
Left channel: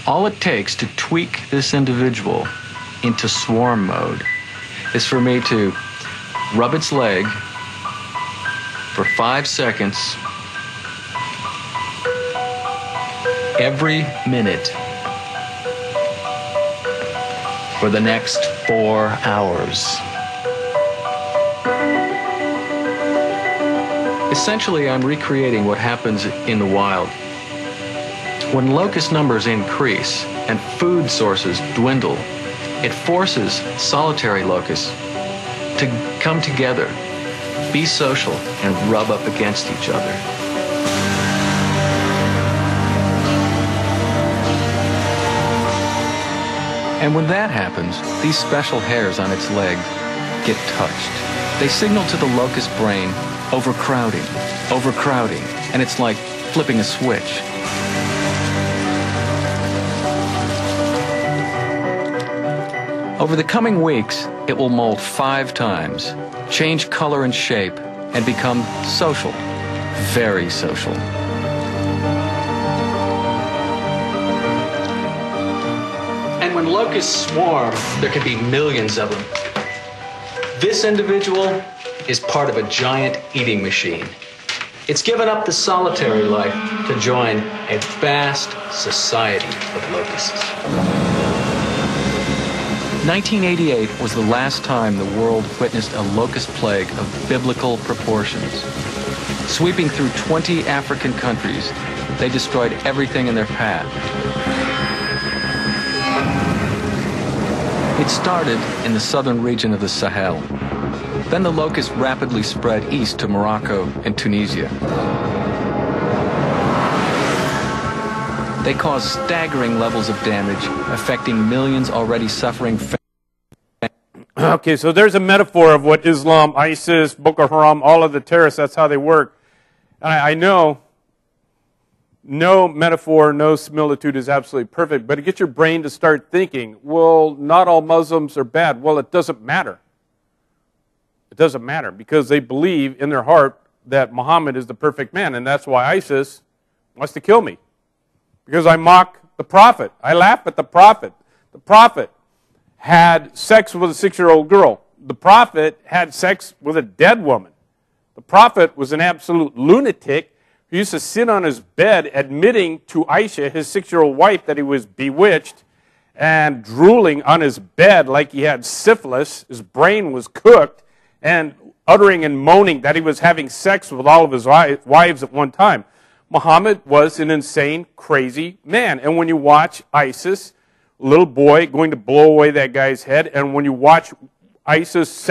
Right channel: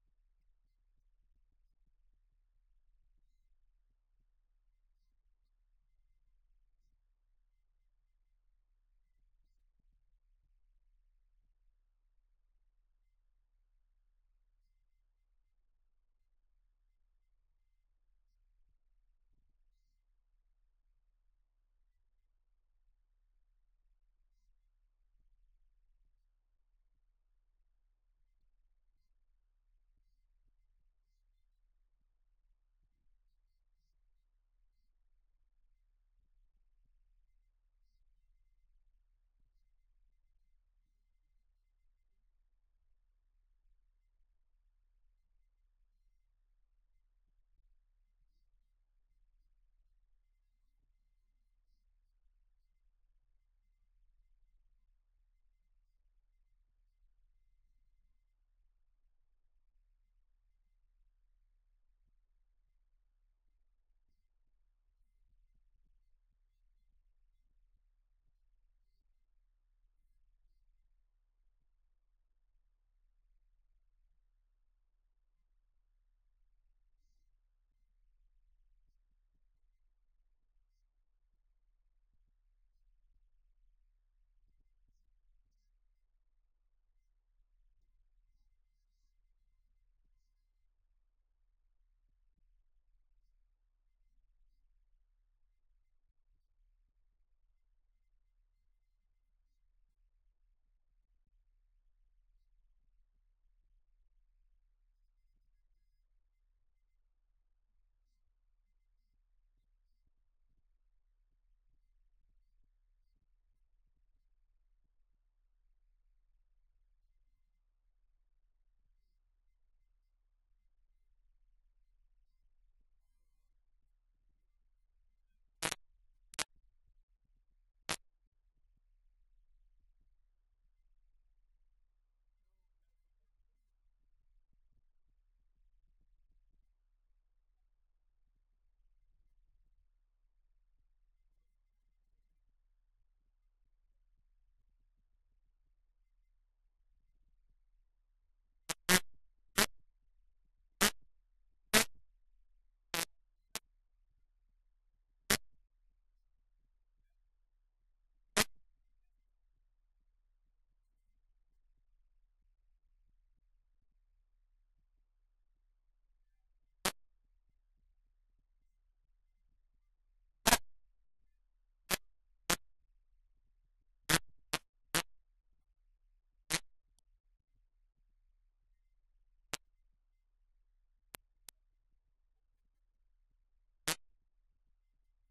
All it takes to tweak this individual into swarm mode is for me to rub its leg for 5 seconds every minute for the next 4 hours. Essentially, I'm recreating what happens in the wild. When locust numbers increase and food sources dwindle, it forces solitary locusts to come together, be social, and rub up against each other. And when that happens, these special hairs on its leg get touched. They signal to the locust brain, overcrowding, overcrowding, and it's like flipping a switch. Over the coming weeks, it will molt 5 times, change color and shape, and become social, very social. And when locusts swarm, there can be millions of them. This individual is part of a giant eating machine. It's given up the solitary life to join a vast society of locusts. 1988 was the last time the world witnessed a locust plague of biblical proportions. Sweeping through 20 African countries, they destroyed everything in their path. It started in the southern region of the Sahel. Then the locust rapidly spread east to Morocco and Tunisia. They caused staggering levels of damage, affecting millions already suffering. Okay, so there's a metaphor of what Islam, ISIS, Boko Haram, all of the terrorists, that's how they work. And I know no metaphor, no similitude is absolutely perfect, but it gets your brain to start thinking, well, not all Muslims are bad. Well, it doesn't matter. It doesn't matter because they believe in their heart that Muhammad is the perfect man, and that's why ISIS wants to kill me. Because I mock the prophet. I laugh at the prophet. The prophet had sex with a 6-year-old girl. The prophet had sex with a dead woman. The prophet was an absolute lunatic who used to sit on his bed admitting to Aisha, his 6-year-old wife, that he was bewitched and drooling on his bed like he had syphilis. His brain was cooked and uttering and moaning that he was having sex with all of his wives at one time. Muhammad was an insane, crazy man. And when you watch ISIS, a little boy going to blow away that guy's head, and when you watch ISIS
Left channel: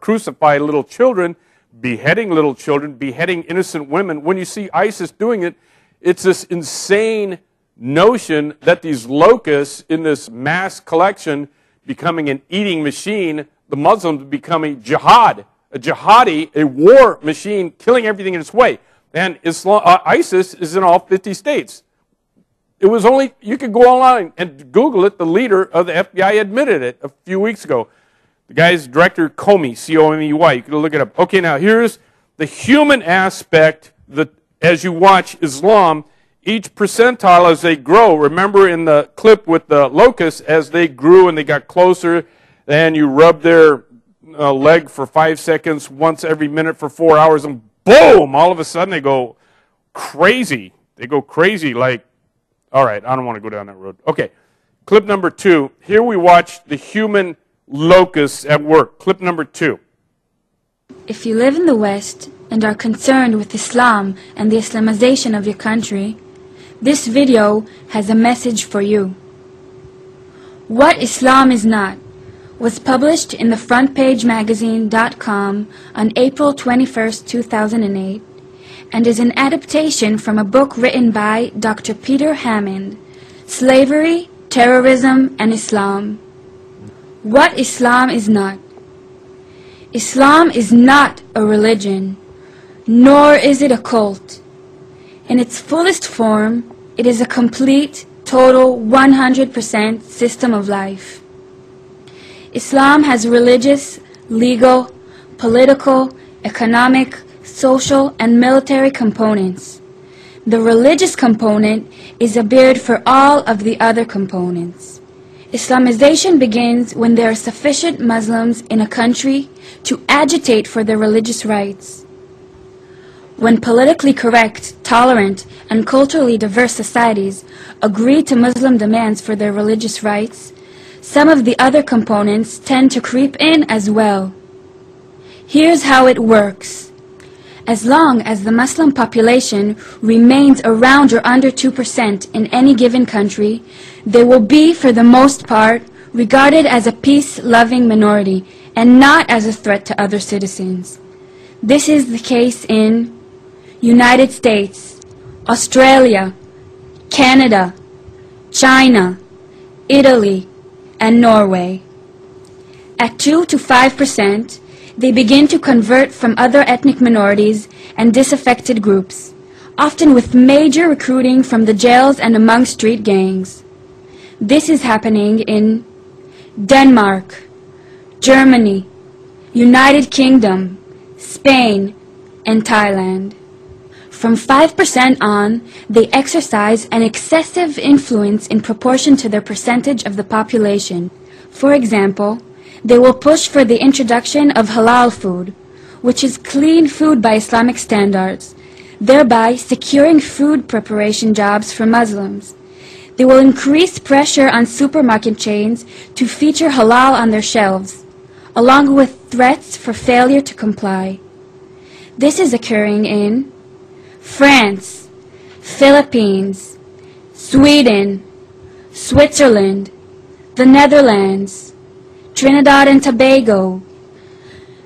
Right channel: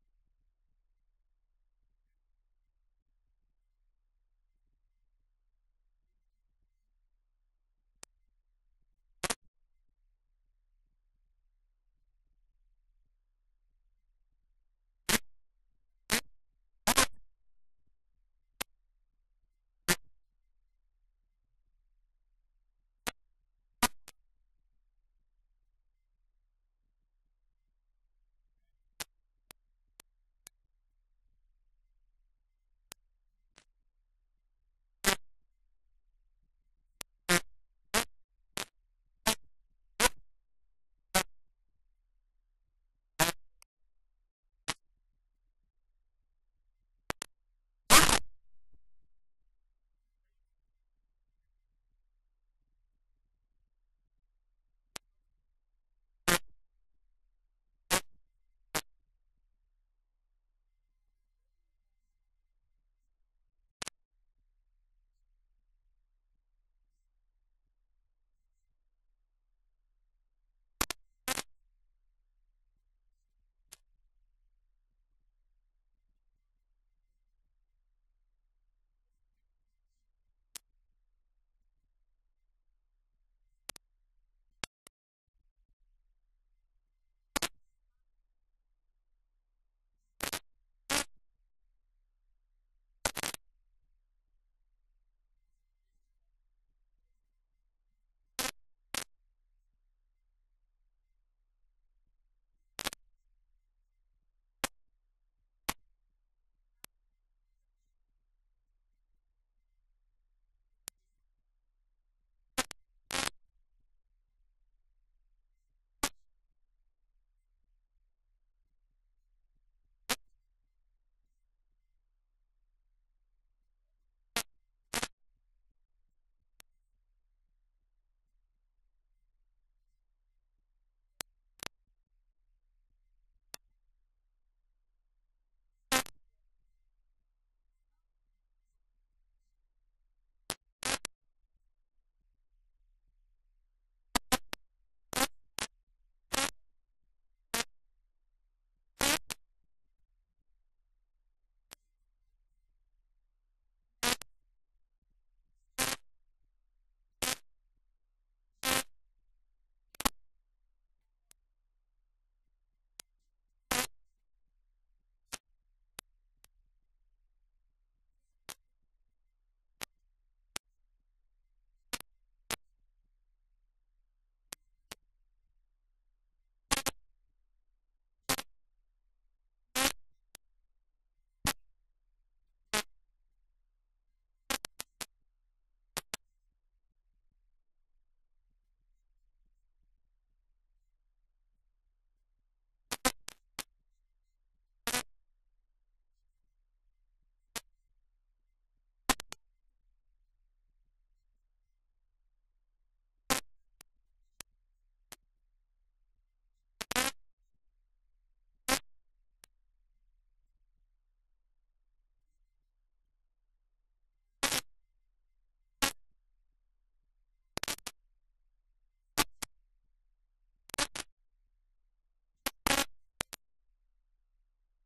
crucify little children, beheading little children, beheading innocent women, when you see ISIS doing it, it's this insane notion that these locusts in this mass collection becoming an eating machine, the Muslims becoming jihad, a jihadi, a war machine, killing everything in its way. And ISIS is in all 50 states. It was only, you could go online and Google it, the leader of the FBI admitted it a few weeks ago. The guy's director, Comey, C-O-M-E-Y, you can look it up. Okay, now here's the human aspect that as you watch Islam, each percentile as they grow, remember in the clip with the locusts, as they grew and they got closer, and you rub their leg for 5 seconds once every minute for 4 hours, and boom, all of a sudden they go crazy. They go crazy like, all right, I don't want to go down that road. Okay, clip number 2. Here we watch the human locusts at work. Clip number 2. If you live in the West and are concerned with Islam and the Islamization of your country, this video has a message for you. What Islam is Not was published in the frontpagemagazine.com on April 21, 2008, and is an adaptation from a book written by Dr. Peter Hammond, Slavery, Terrorism, and Islam. What Islam is not. Islam is not a religion, nor is it a cult. In its fullest form, it is a complete, total, 100% system of life. Islam has religious, legal, political, economic, social, and military components. The religious component is a beard for all of the other components. Islamization begins when there are sufficient Muslims in a country to agitate for their religious rights. When politically correct, tolerant, and culturally diverse societies agree to Muslim demands for their religious rights, some of the other components tend to creep in as well. Here's how it works. As long as the Muslim population remains around or under 2% in any given country, they will be, for the most part, regarded as a peace-loving minority and not as a threat to other citizens. This is the case in United States, Australia, Canada, China, Italy, and Norway. At 2 to 5%, they begin to convert from other ethnic minorities and disaffected groups, often with major recruiting from the jails and among street gangs. This is happening in Denmark, Germany, United Kingdom, Spain, and Thailand. From 5% on, they exercise an excessive influence in proportion to their percentage of the population. For example, they will push for the introduction of halal food, which is clean food by Islamic standards, thereby securing food preparation jobs for Muslims. They will increase pressure on supermarket chains to feature halal on their shelves, along with threats for failure to comply. This is occurring in France, Philippines, Sweden, Switzerland, the Netherlands, Trinidad and Tobago.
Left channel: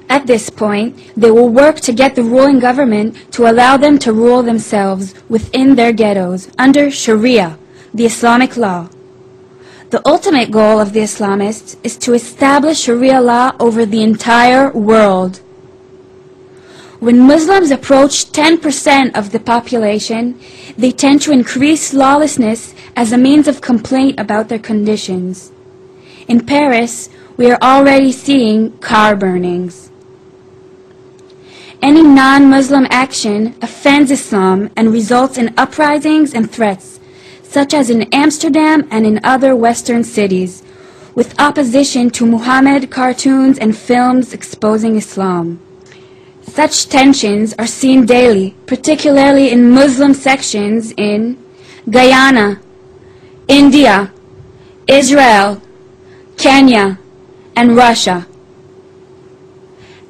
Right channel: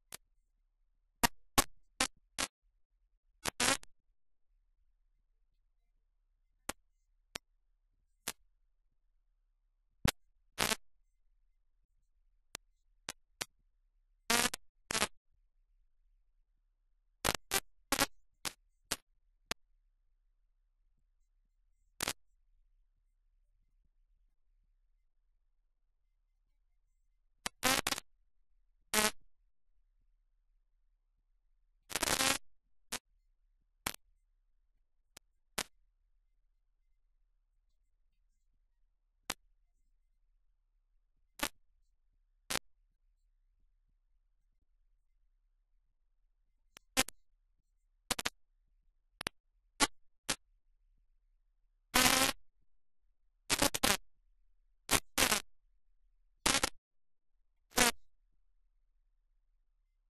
At this point, they will work to get the ruling government to allow them to rule themselves within their ghettos under Sharia, the Islamic law. The ultimate goal of the Islamists is to establish Sharia law over the entire world. When Muslims approach 10% of the population, they tend to increase lawlessness as a means of complaint about their conditions. In Paris, we are already seeing car burnings. Any non-Muslim action offends Islam and results in uprisings and threats, such as in Amsterdam and in other Western cities, with opposition to Muhammad cartoons and films exposing Islam. Such tensions are seen daily, particularly in Muslim sections in Guyana, India, Israel, Kenya, and Russia.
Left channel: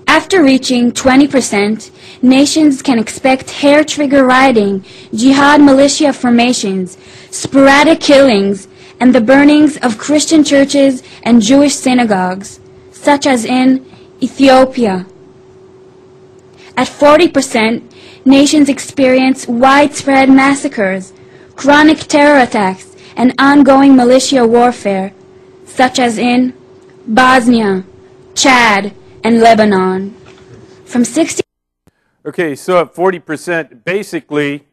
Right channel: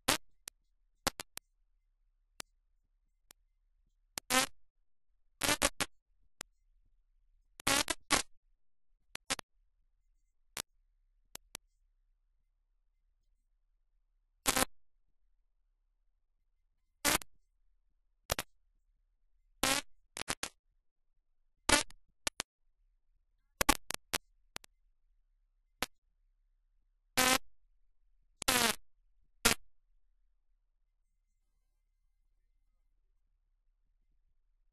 After reaching 20%, nations can expect hair-trigger rioting, jihad militia formations, sporadic killings, and the burnings of Christian churches and Jewish synagogues, such as in Ethiopia. At 40%, nations experience widespread massacres, chronic terror attacks, and ongoing militia warfare, such as in Bosnia, Chad, and Lebanon. From 60. Okay, so at 40%, basically,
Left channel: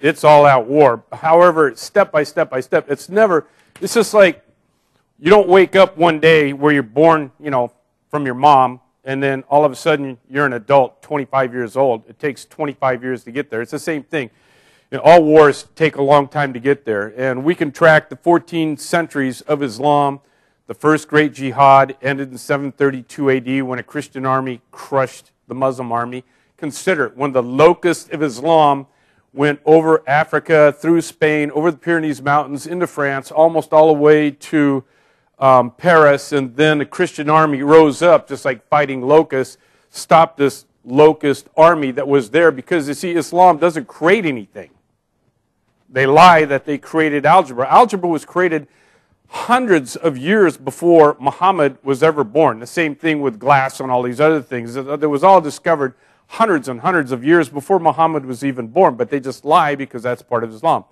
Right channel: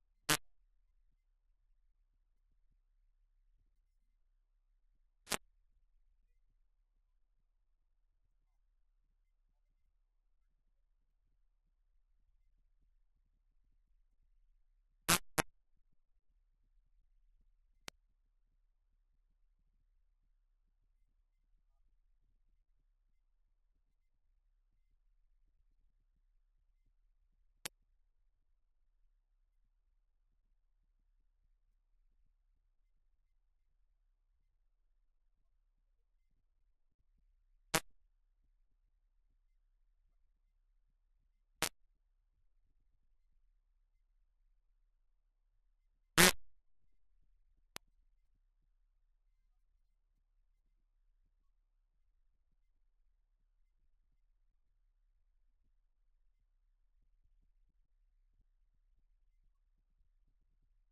it's all-out war. However, step by step by step, it's just like you don't wake up one day where you're born, from your mom, and then all of a sudden you're an adult, 25 years old. It takes 25 years to get there. It's the same thing. All wars take a long time to get there, and we can track the 14 centuries of Islam. The first great jihad ended in 732 AD when a Christian army crushed the Muslim army. Consider when the locust of Islam went over Africa, through Spain, over the Pyrenees Mountains, into France, almost all the way to Paris, and then the Christian army rose up, just like fighting locusts, stopped this locust army that was there, because you see, Islam doesn't create anything. They lie that they created algebra. Algebra was created hundreds of years before Muhammad was ever born. The same thing with glass and all these other things. It was all discovered hundreds and hundreds of years before Muhammad was even born, but they just lie because that's part of Islam.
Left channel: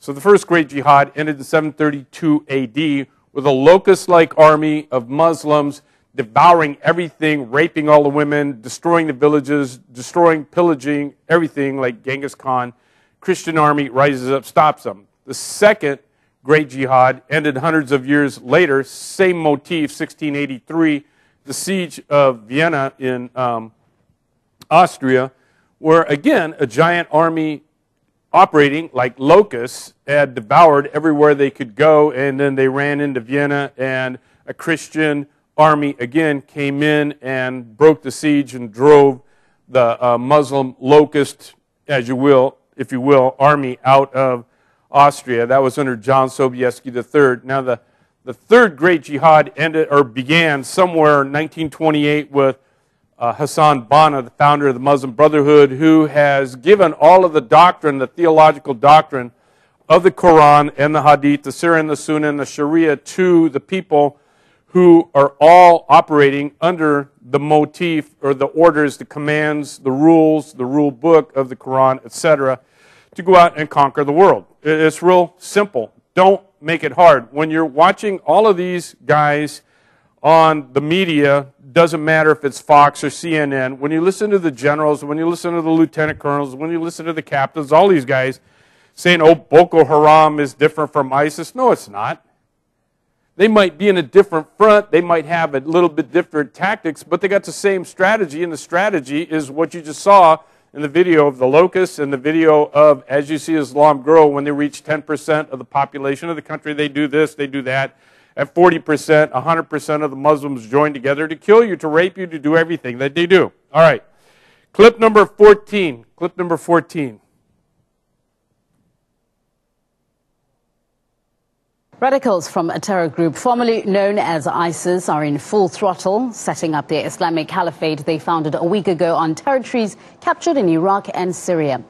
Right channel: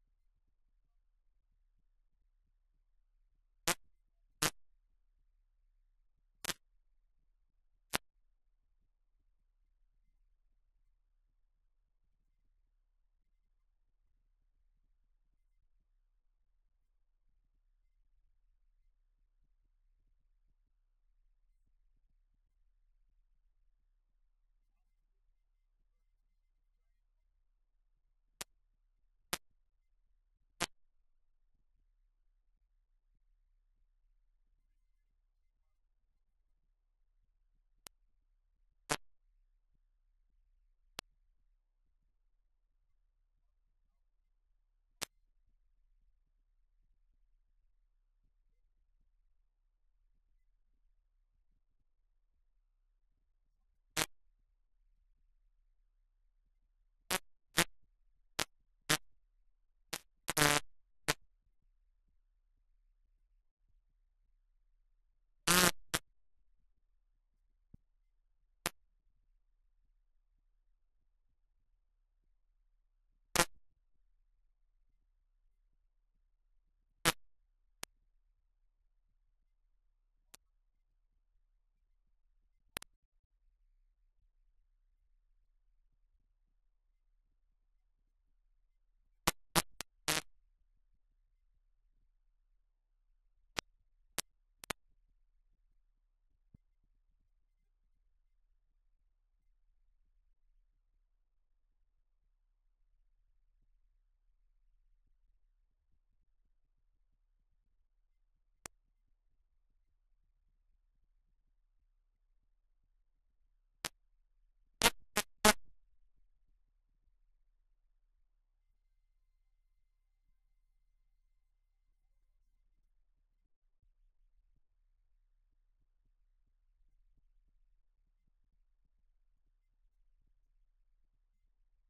So the first great jihad ended in 732 AD with a locust-like army of Muslims devouring everything, raping all the women, destroying the villages, destroying, pillaging everything like Genghis Khan. Christian army rises up, stops them. The second great jihad ended hundreds of years later, same motif, 1683, the siege of Vienna in Austria, where again a giant army operating like locusts had devoured everywhere they could go, and then they ran into Vienna, and a Christian army again came in and broke the siege and drove the Muslim locust, as you will, if you will, army out of Austria. That was under John Sobieski III. Now the third great jihad began somewhere in 1928 with Hassan Banna, the founder of the Muslim Brotherhood, who has given all of the doctrine, the theological doctrine of the Quran and the Hadith, the Sirah and the Sunnah and the Sharia to the people who are all operating under the motif or the orders, the commands, the rules, the rule book of the Quran, etc., to go out and conquer the world. It's real simple. Don't make it hard. When you're watching all of these guys on the media, doesn't matter if it's Fox or CNN, when you listen to the generals, when you listen to the lieutenant colonels, when you listen to the captains, all these guys saying, oh, Boko Haram is different from ISIS. No, it's not. They might be in a different front. They might have a little bit different tactics, but they got the same strategy, and the strategy is what you just saw in the video of the locusts and the video of, as you see Islam grow, when they reach 10% of the population of the country, they do this, they do that. At 40%, 100% of the Muslims join together to kill you, to rape you, to do everything that they do. All right. Clip number 14. Clip number 14. Radicals from a terror group formerly known as ISIS are in full throttle, setting up their Islamic caliphate they founded a week ago on territories captured in Iraq and Syria.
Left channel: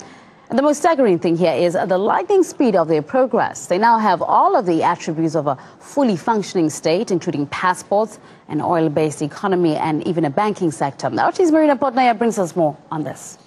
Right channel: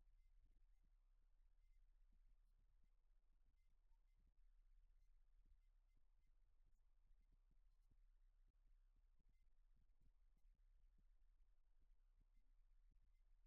And the most staggering thing here is the lightning speed of their progress. They now have all of the attributes of a fully functioning state, including passports, an oil-based economy, and even a banking sector. Now, RT's Marina Portnaya brings us more on this.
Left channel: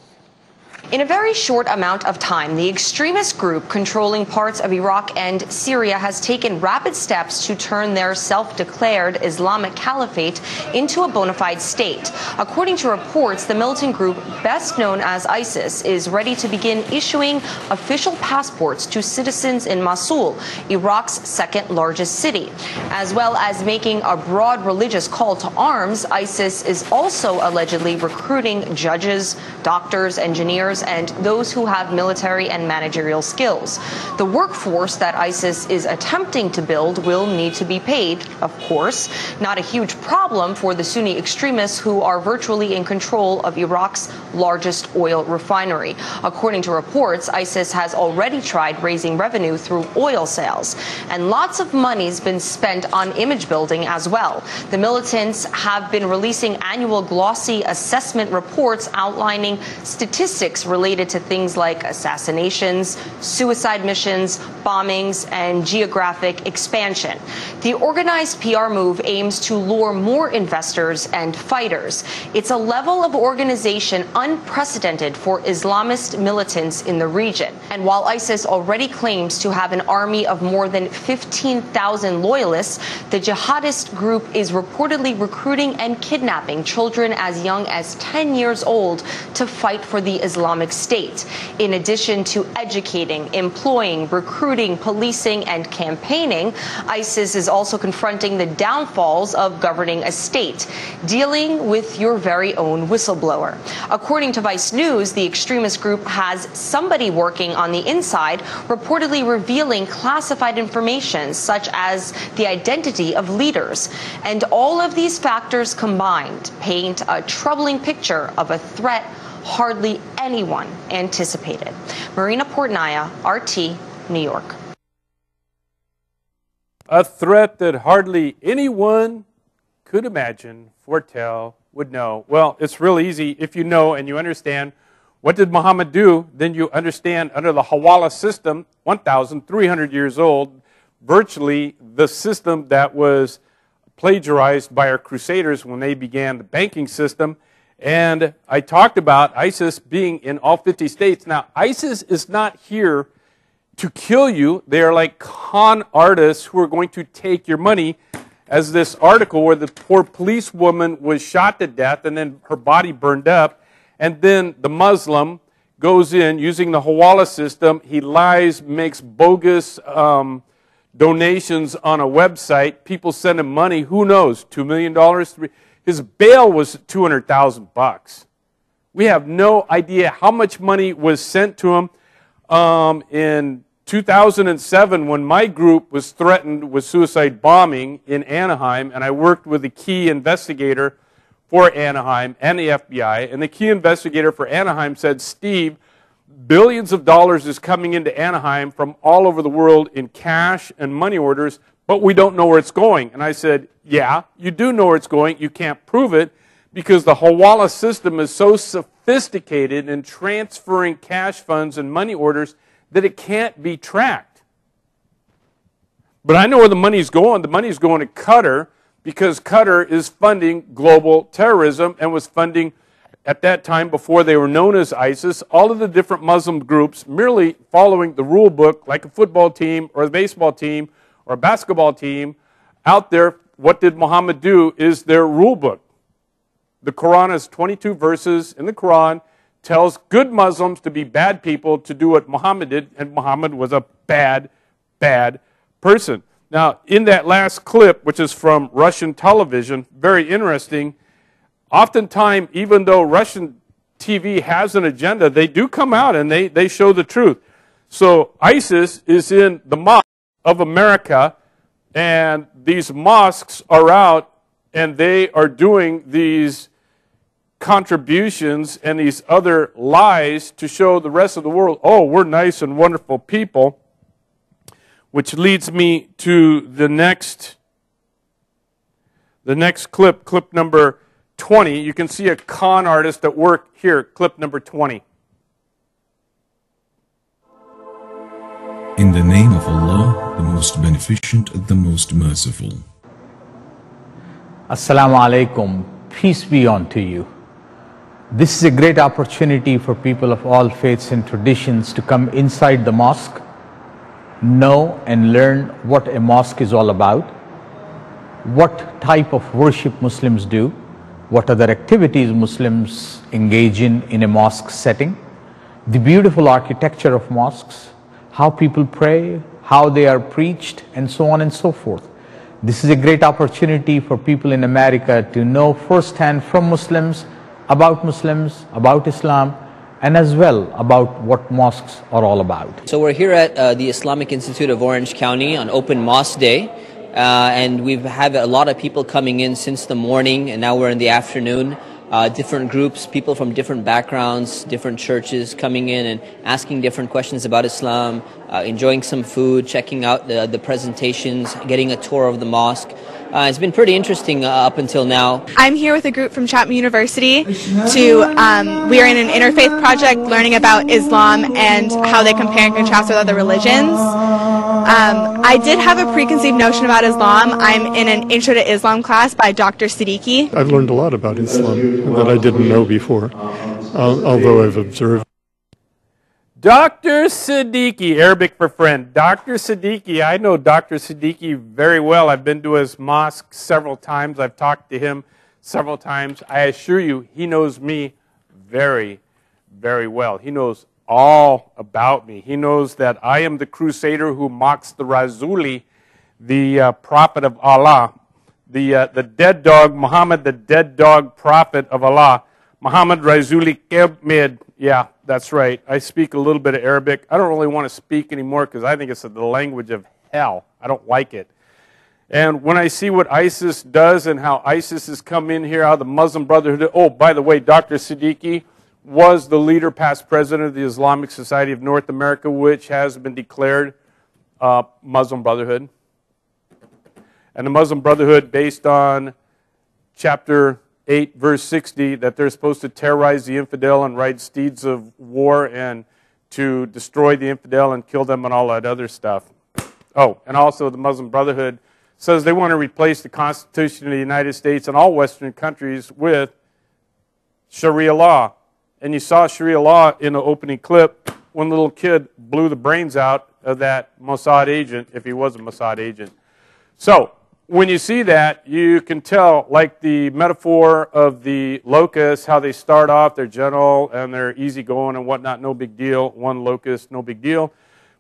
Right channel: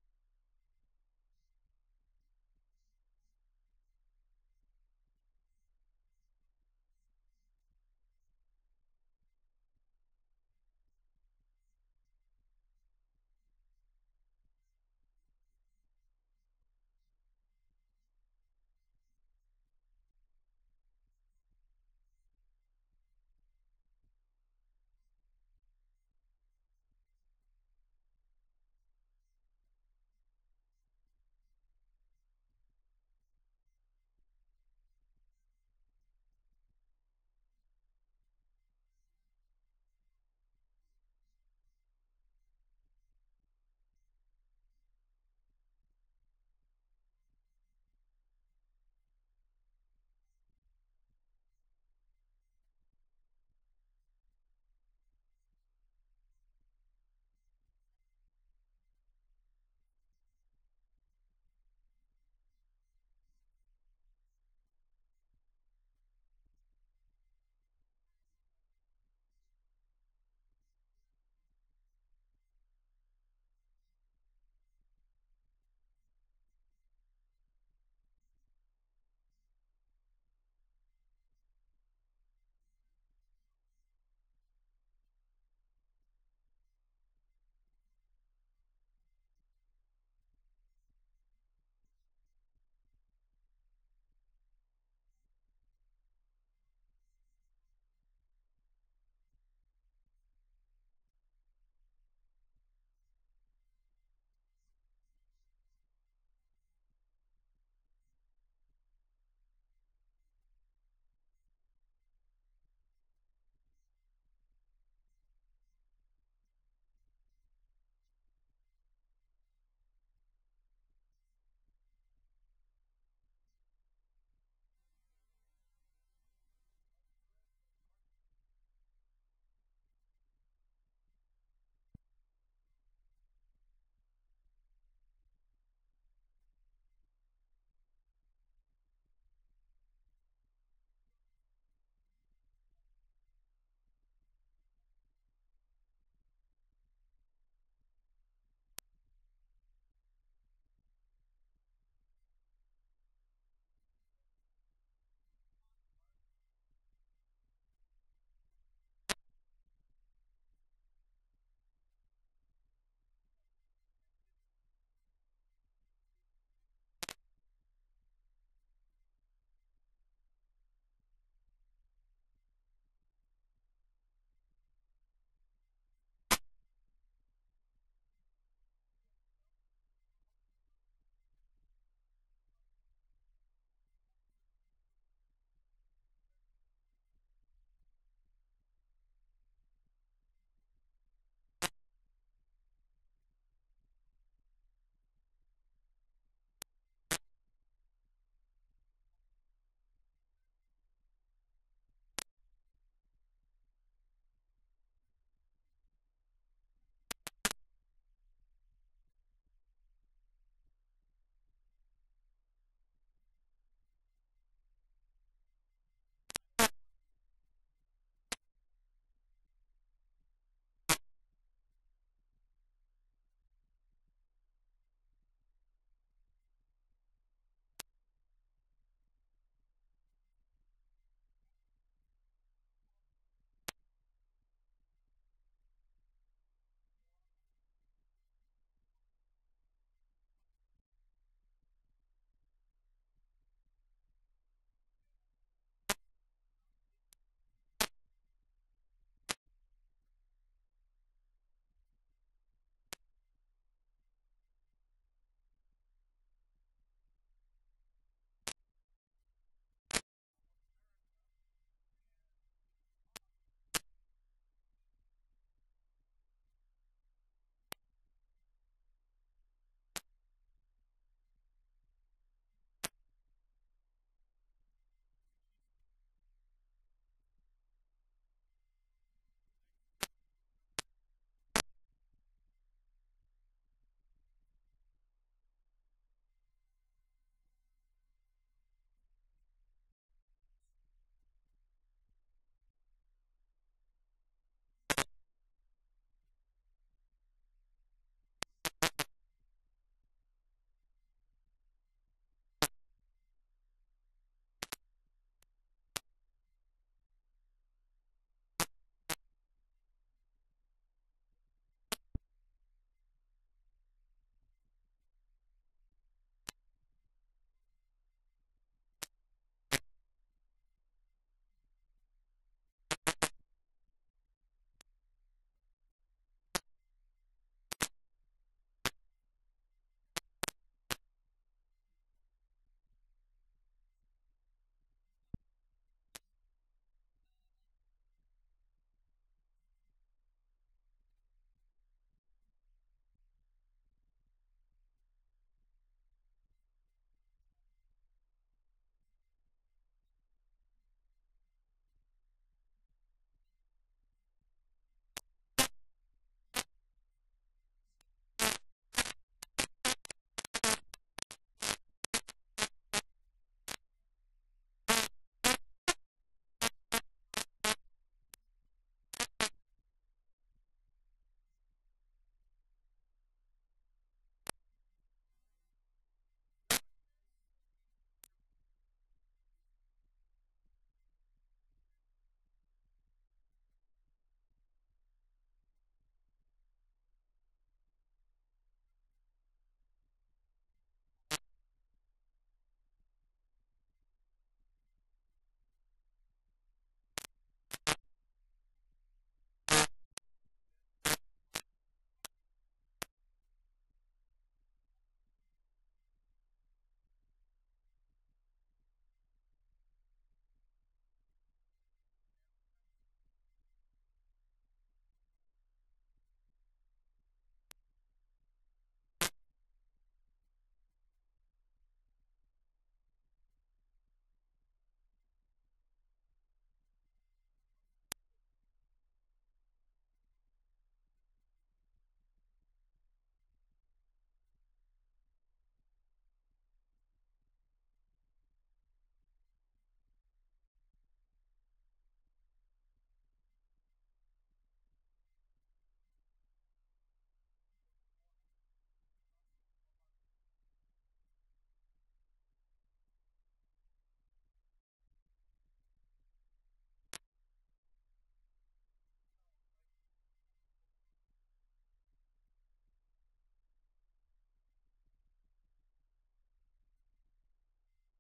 In a very short amount of time, the extremist group controlling parts of Iraq and Syria has taken rapid steps to turn their self-declared Islamic Caliphate into a bona fide state. According to reports, the militant group, best known as ISIS, is ready to begin issuing official passports to citizens in Mosul, Iraq's second largest city. As well as making a broad religious call to arms, ISIS is also allegedly recruiting judges, doctors, engineers, and those who have military and managerial skills. The workforce that ISIS is attempting to build will need to be paid, of course. Not a huge problem for the Sunni extremists who are virtually in control of Iraq's largest oil refinery. According to reports, ISIS has already tried raising revenue through oil sales, and lots of money's been spent on image building as well. The militants have been releasing annual glossy assessment reports outlining statistics related to things like assassinations, suicide missions, bombings, and geographic expansion. The organized PR move aims to lure more investors and fighters. It's a level of organization unprecedented for Islamist militants in the region. And while ISIS already claims to have an army of more than 15,000 loyalists, the jihadist group is reportedly recruiting and kidnapping children as young as 10 years old to fight for the Islamic State. In addition to educating, employing, recruiting, policing, and campaigning, ISIS is also confronting the downfalls of governing a state, dealing with your very own whistleblower. According to Vice News, the extremist group has somebody working on the inside, reportedly revealing classified information such as the identity of leaders. And all of these factors combined paint a troubling picture of a threat hardly anyone anticipated. Marina Portnaya, RT, New York. A threat that hardly anyone could imagine, foretell, would know. Well, it's real easy if you know and you understand what did Muhammad do, then you understand under the Hawala system, 1,300 years old, virtually the system that was plagiarized by our Crusaders when they began the banking system. And I talked about ISIS being in all 50 states. Now, ISIS is not here to kill you. They are like con artists who are going to take your money, as this article where the poor policewoman was shot to death and then her body burned up. And then the Muslim goes in using the Hawala system. He lies, makes bogus donations on a website. People send him money. Who knows? $2 million? His bail was $200,000. We have no idea how much money was sent to him. In 2007, when my group was threatened with suicide bombing in Anaheim, and I worked with the key investigator for Anaheim and the FBI, and the key investigator for Anaheim said, Steve, billions of dollars is coming into Anaheim from all over the world in cash and money orders, but we don't know where it's going. And I said, yeah, you do know where it's going. You can't prove it because the Hawala system is so sophisticated in transferring cash funds and money orders that it can't be tracked. But I know where the money's going. The money's going to Qatar because Qatar is funding global terrorism and was funding, at that time before they were known as ISIS, all of the different Muslim groups merely following the rule book like a football team or a baseball team or a basketball team out there. What did Muhammad do is their rule book. The Quran is 22 verses in the Quran, tells good Muslims to be bad people, to do what Muhammad did, and Muhammad was a bad, bad person. Now, in that last clip, which is from Russian television, very interesting, oftentimes, even though Russian TV has an agenda, they do come out and they show the truth. So ISIS is in the mosque of America, and these mosques are out, and they are doing these contributions and these other lies to show the rest of the world, oh, we're nice and wonderful people, which leads me to the next clip, clip number 20. You can see a con artist at work here, clip number 20. In the name of Allah, the most beneficent, the most merciful. Assalamu alaikum, peace be unto you. This is a great opportunity for people of all faiths and traditions to come inside the mosque, know and learn what a mosque is all about, what type of worship Muslims do, what other activities Muslims engage in a mosque setting, the beautiful architecture of mosques, how people pray, how they are preached, and so on and so forth. This is a great opportunity for people in America to know firsthand from Muslims, about Islam, and as well about what mosques are all about. So we're here at the Islamic Institute of Orange County on Open Mosque Day, and we've had a lot of people coming in since the morning, and now we're in the afternoon. Different groups, people from different backgrounds, different churches coming in and asking different questions about Islam, enjoying some food, checking out the presentations, getting a tour of the mosque. It's been pretty interesting up until now. I'm here with a group from Chapman University we are in an interfaith project learning about Islam and how they compare and contrast with other religions. I did have a preconceived notion about Islam. I'm in an Intro to Islam class by Dr. Siddiqui. I've learned a lot about Islam that I didn't know before, although I've observed. Dr. Siddiqui, Arabic for friend. Dr. Siddiqui, I know Dr. Siddiqui very well. I've been to his mosque several times. I've talked to him several times. I assure you, he knows me very, very well. He knows all about me. He knows that I am the crusader who mocks the Rasuli, the prophet of Allah, the dead dog, Muhammad, the dead dog prophet of Allah. Muhammad Rasuli Kebmid. Yeah, that's right. I speak a little bit of Arabic. I don't really want to speak anymore because I think it's the language of hell. I don't like it. And when I see what ISIS does and how ISIS has come in here, how the Muslim Brotherhood, oh, by the way, Dr. Siddiqui was the leader, past president of the Islamic Society of North America, which has been declared Muslim Brotherhood. And the Muslim Brotherhood, based on chapter 8, verse 60, that they're supposed to terrorize the infidel and ride steeds of war and to destroy the infidel and kill them and all that other stuff. Oh, and also the Muslim Brotherhood says they want to replace the Constitution of the United States and all Western countries with Sharia law. And you saw Sharia law in the opening clip when the little kid blew the brains out of that Mossad agent, if he was a Mossad agent. So when you see that, you can tell, like the metaphor of the locusts, how they start off, they're gentle and they're easygoing and whatnot, no big deal. One locust, no big deal.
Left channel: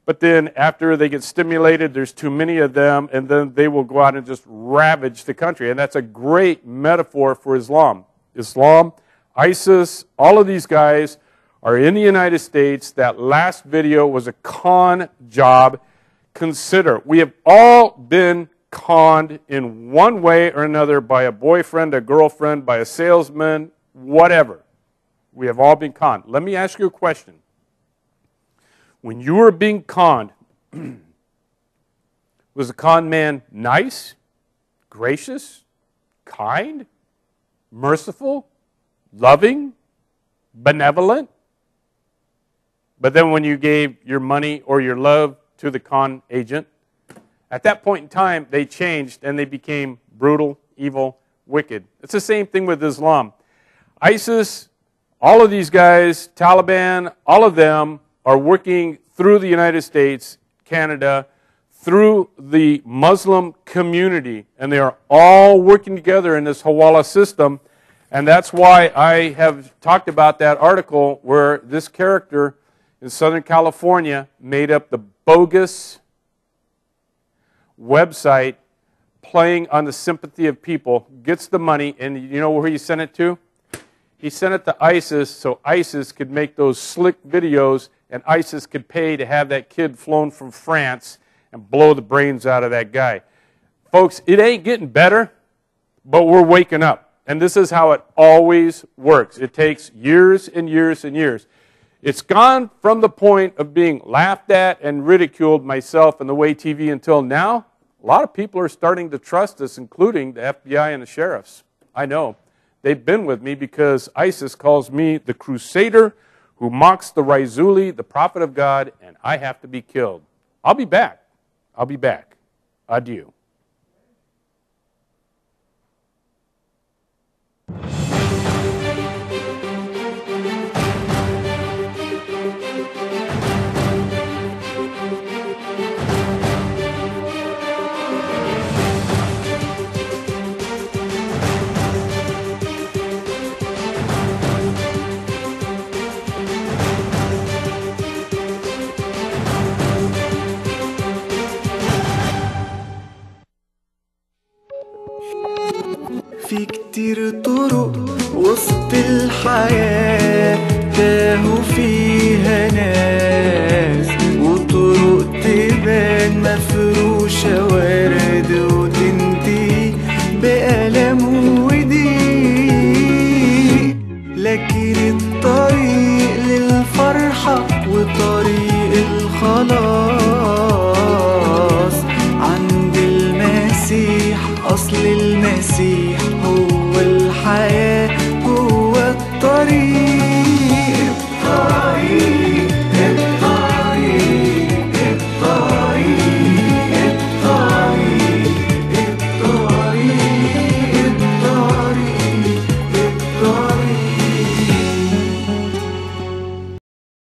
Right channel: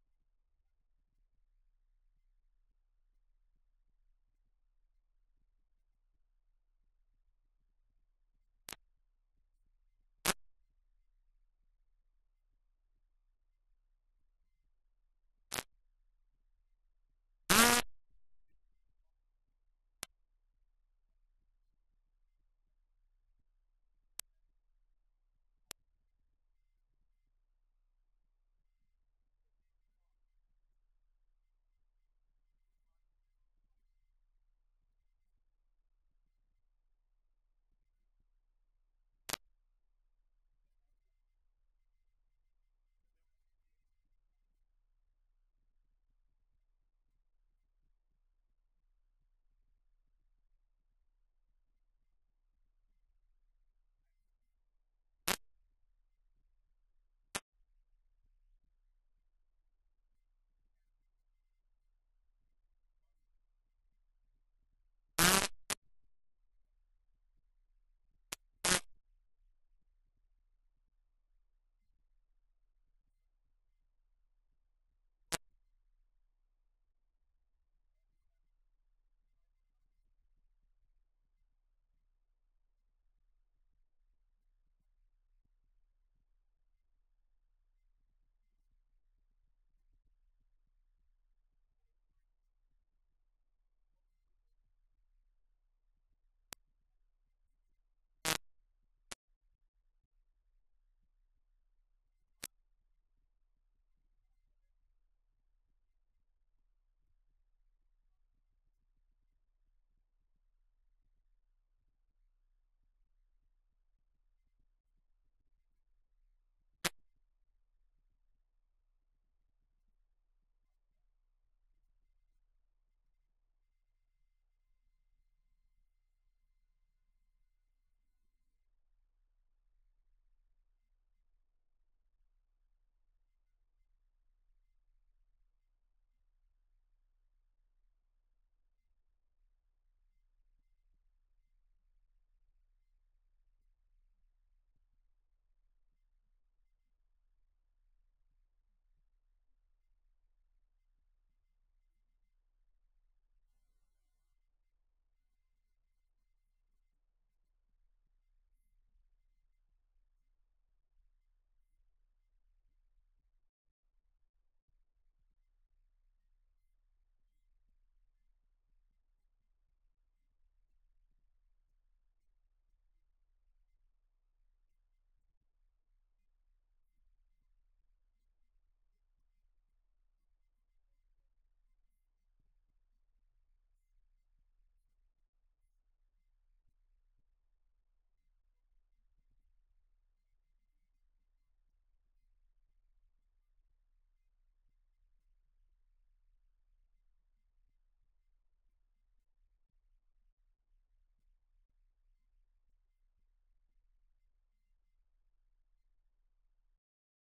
But then after they get stimulated, there's too many of them, and then they will go out and just ravage the country. And that's a great metaphor for Islam. Islam, ISIS, all of these guys are in the United States. That last video was a con job. Consider, we have all been conned in one way or another by a boyfriend, a girlfriend, by a salesman, whatever. We have all been conned. Let me ask you a question. When you were being conned, was the con man nice, gracious, kind, merciful, loving, benevolent? But then when you gave your money or your love to the con agent, at that point in time, they changed and they became brutal, evil, wicked. It's the same thing with Islam. ISIS, all of these guys, Taliban, all of them are working through the United States, Canada, through the Muslim community, and they are all working together in this Hawala system. And that's why I have talked about that article where this character in Southern California made up the bogus website playing on the sympathy of people, gets the money, and you know where he sent it to? He sent it to ISIS so ISIS could make those slick videos and ISIS could pay to have that kid flown from France and blow the brains out of that guy. Folks, it ain't getting better, but we're waking up. And this is how it always works. It takes years and years and years. It's gone from the point of being laughed at and ridiculed, myself and the way TV, until now, a lot of people are starting to trust us, including the FBI and the sheriffs. I know. They've been with me because ISIS calls me the crusader who mocks the Rasuli, the prophet of God, and I have to be killed. I'll be back. I'll be back. Adieu. في كتير طرق وسط الحياة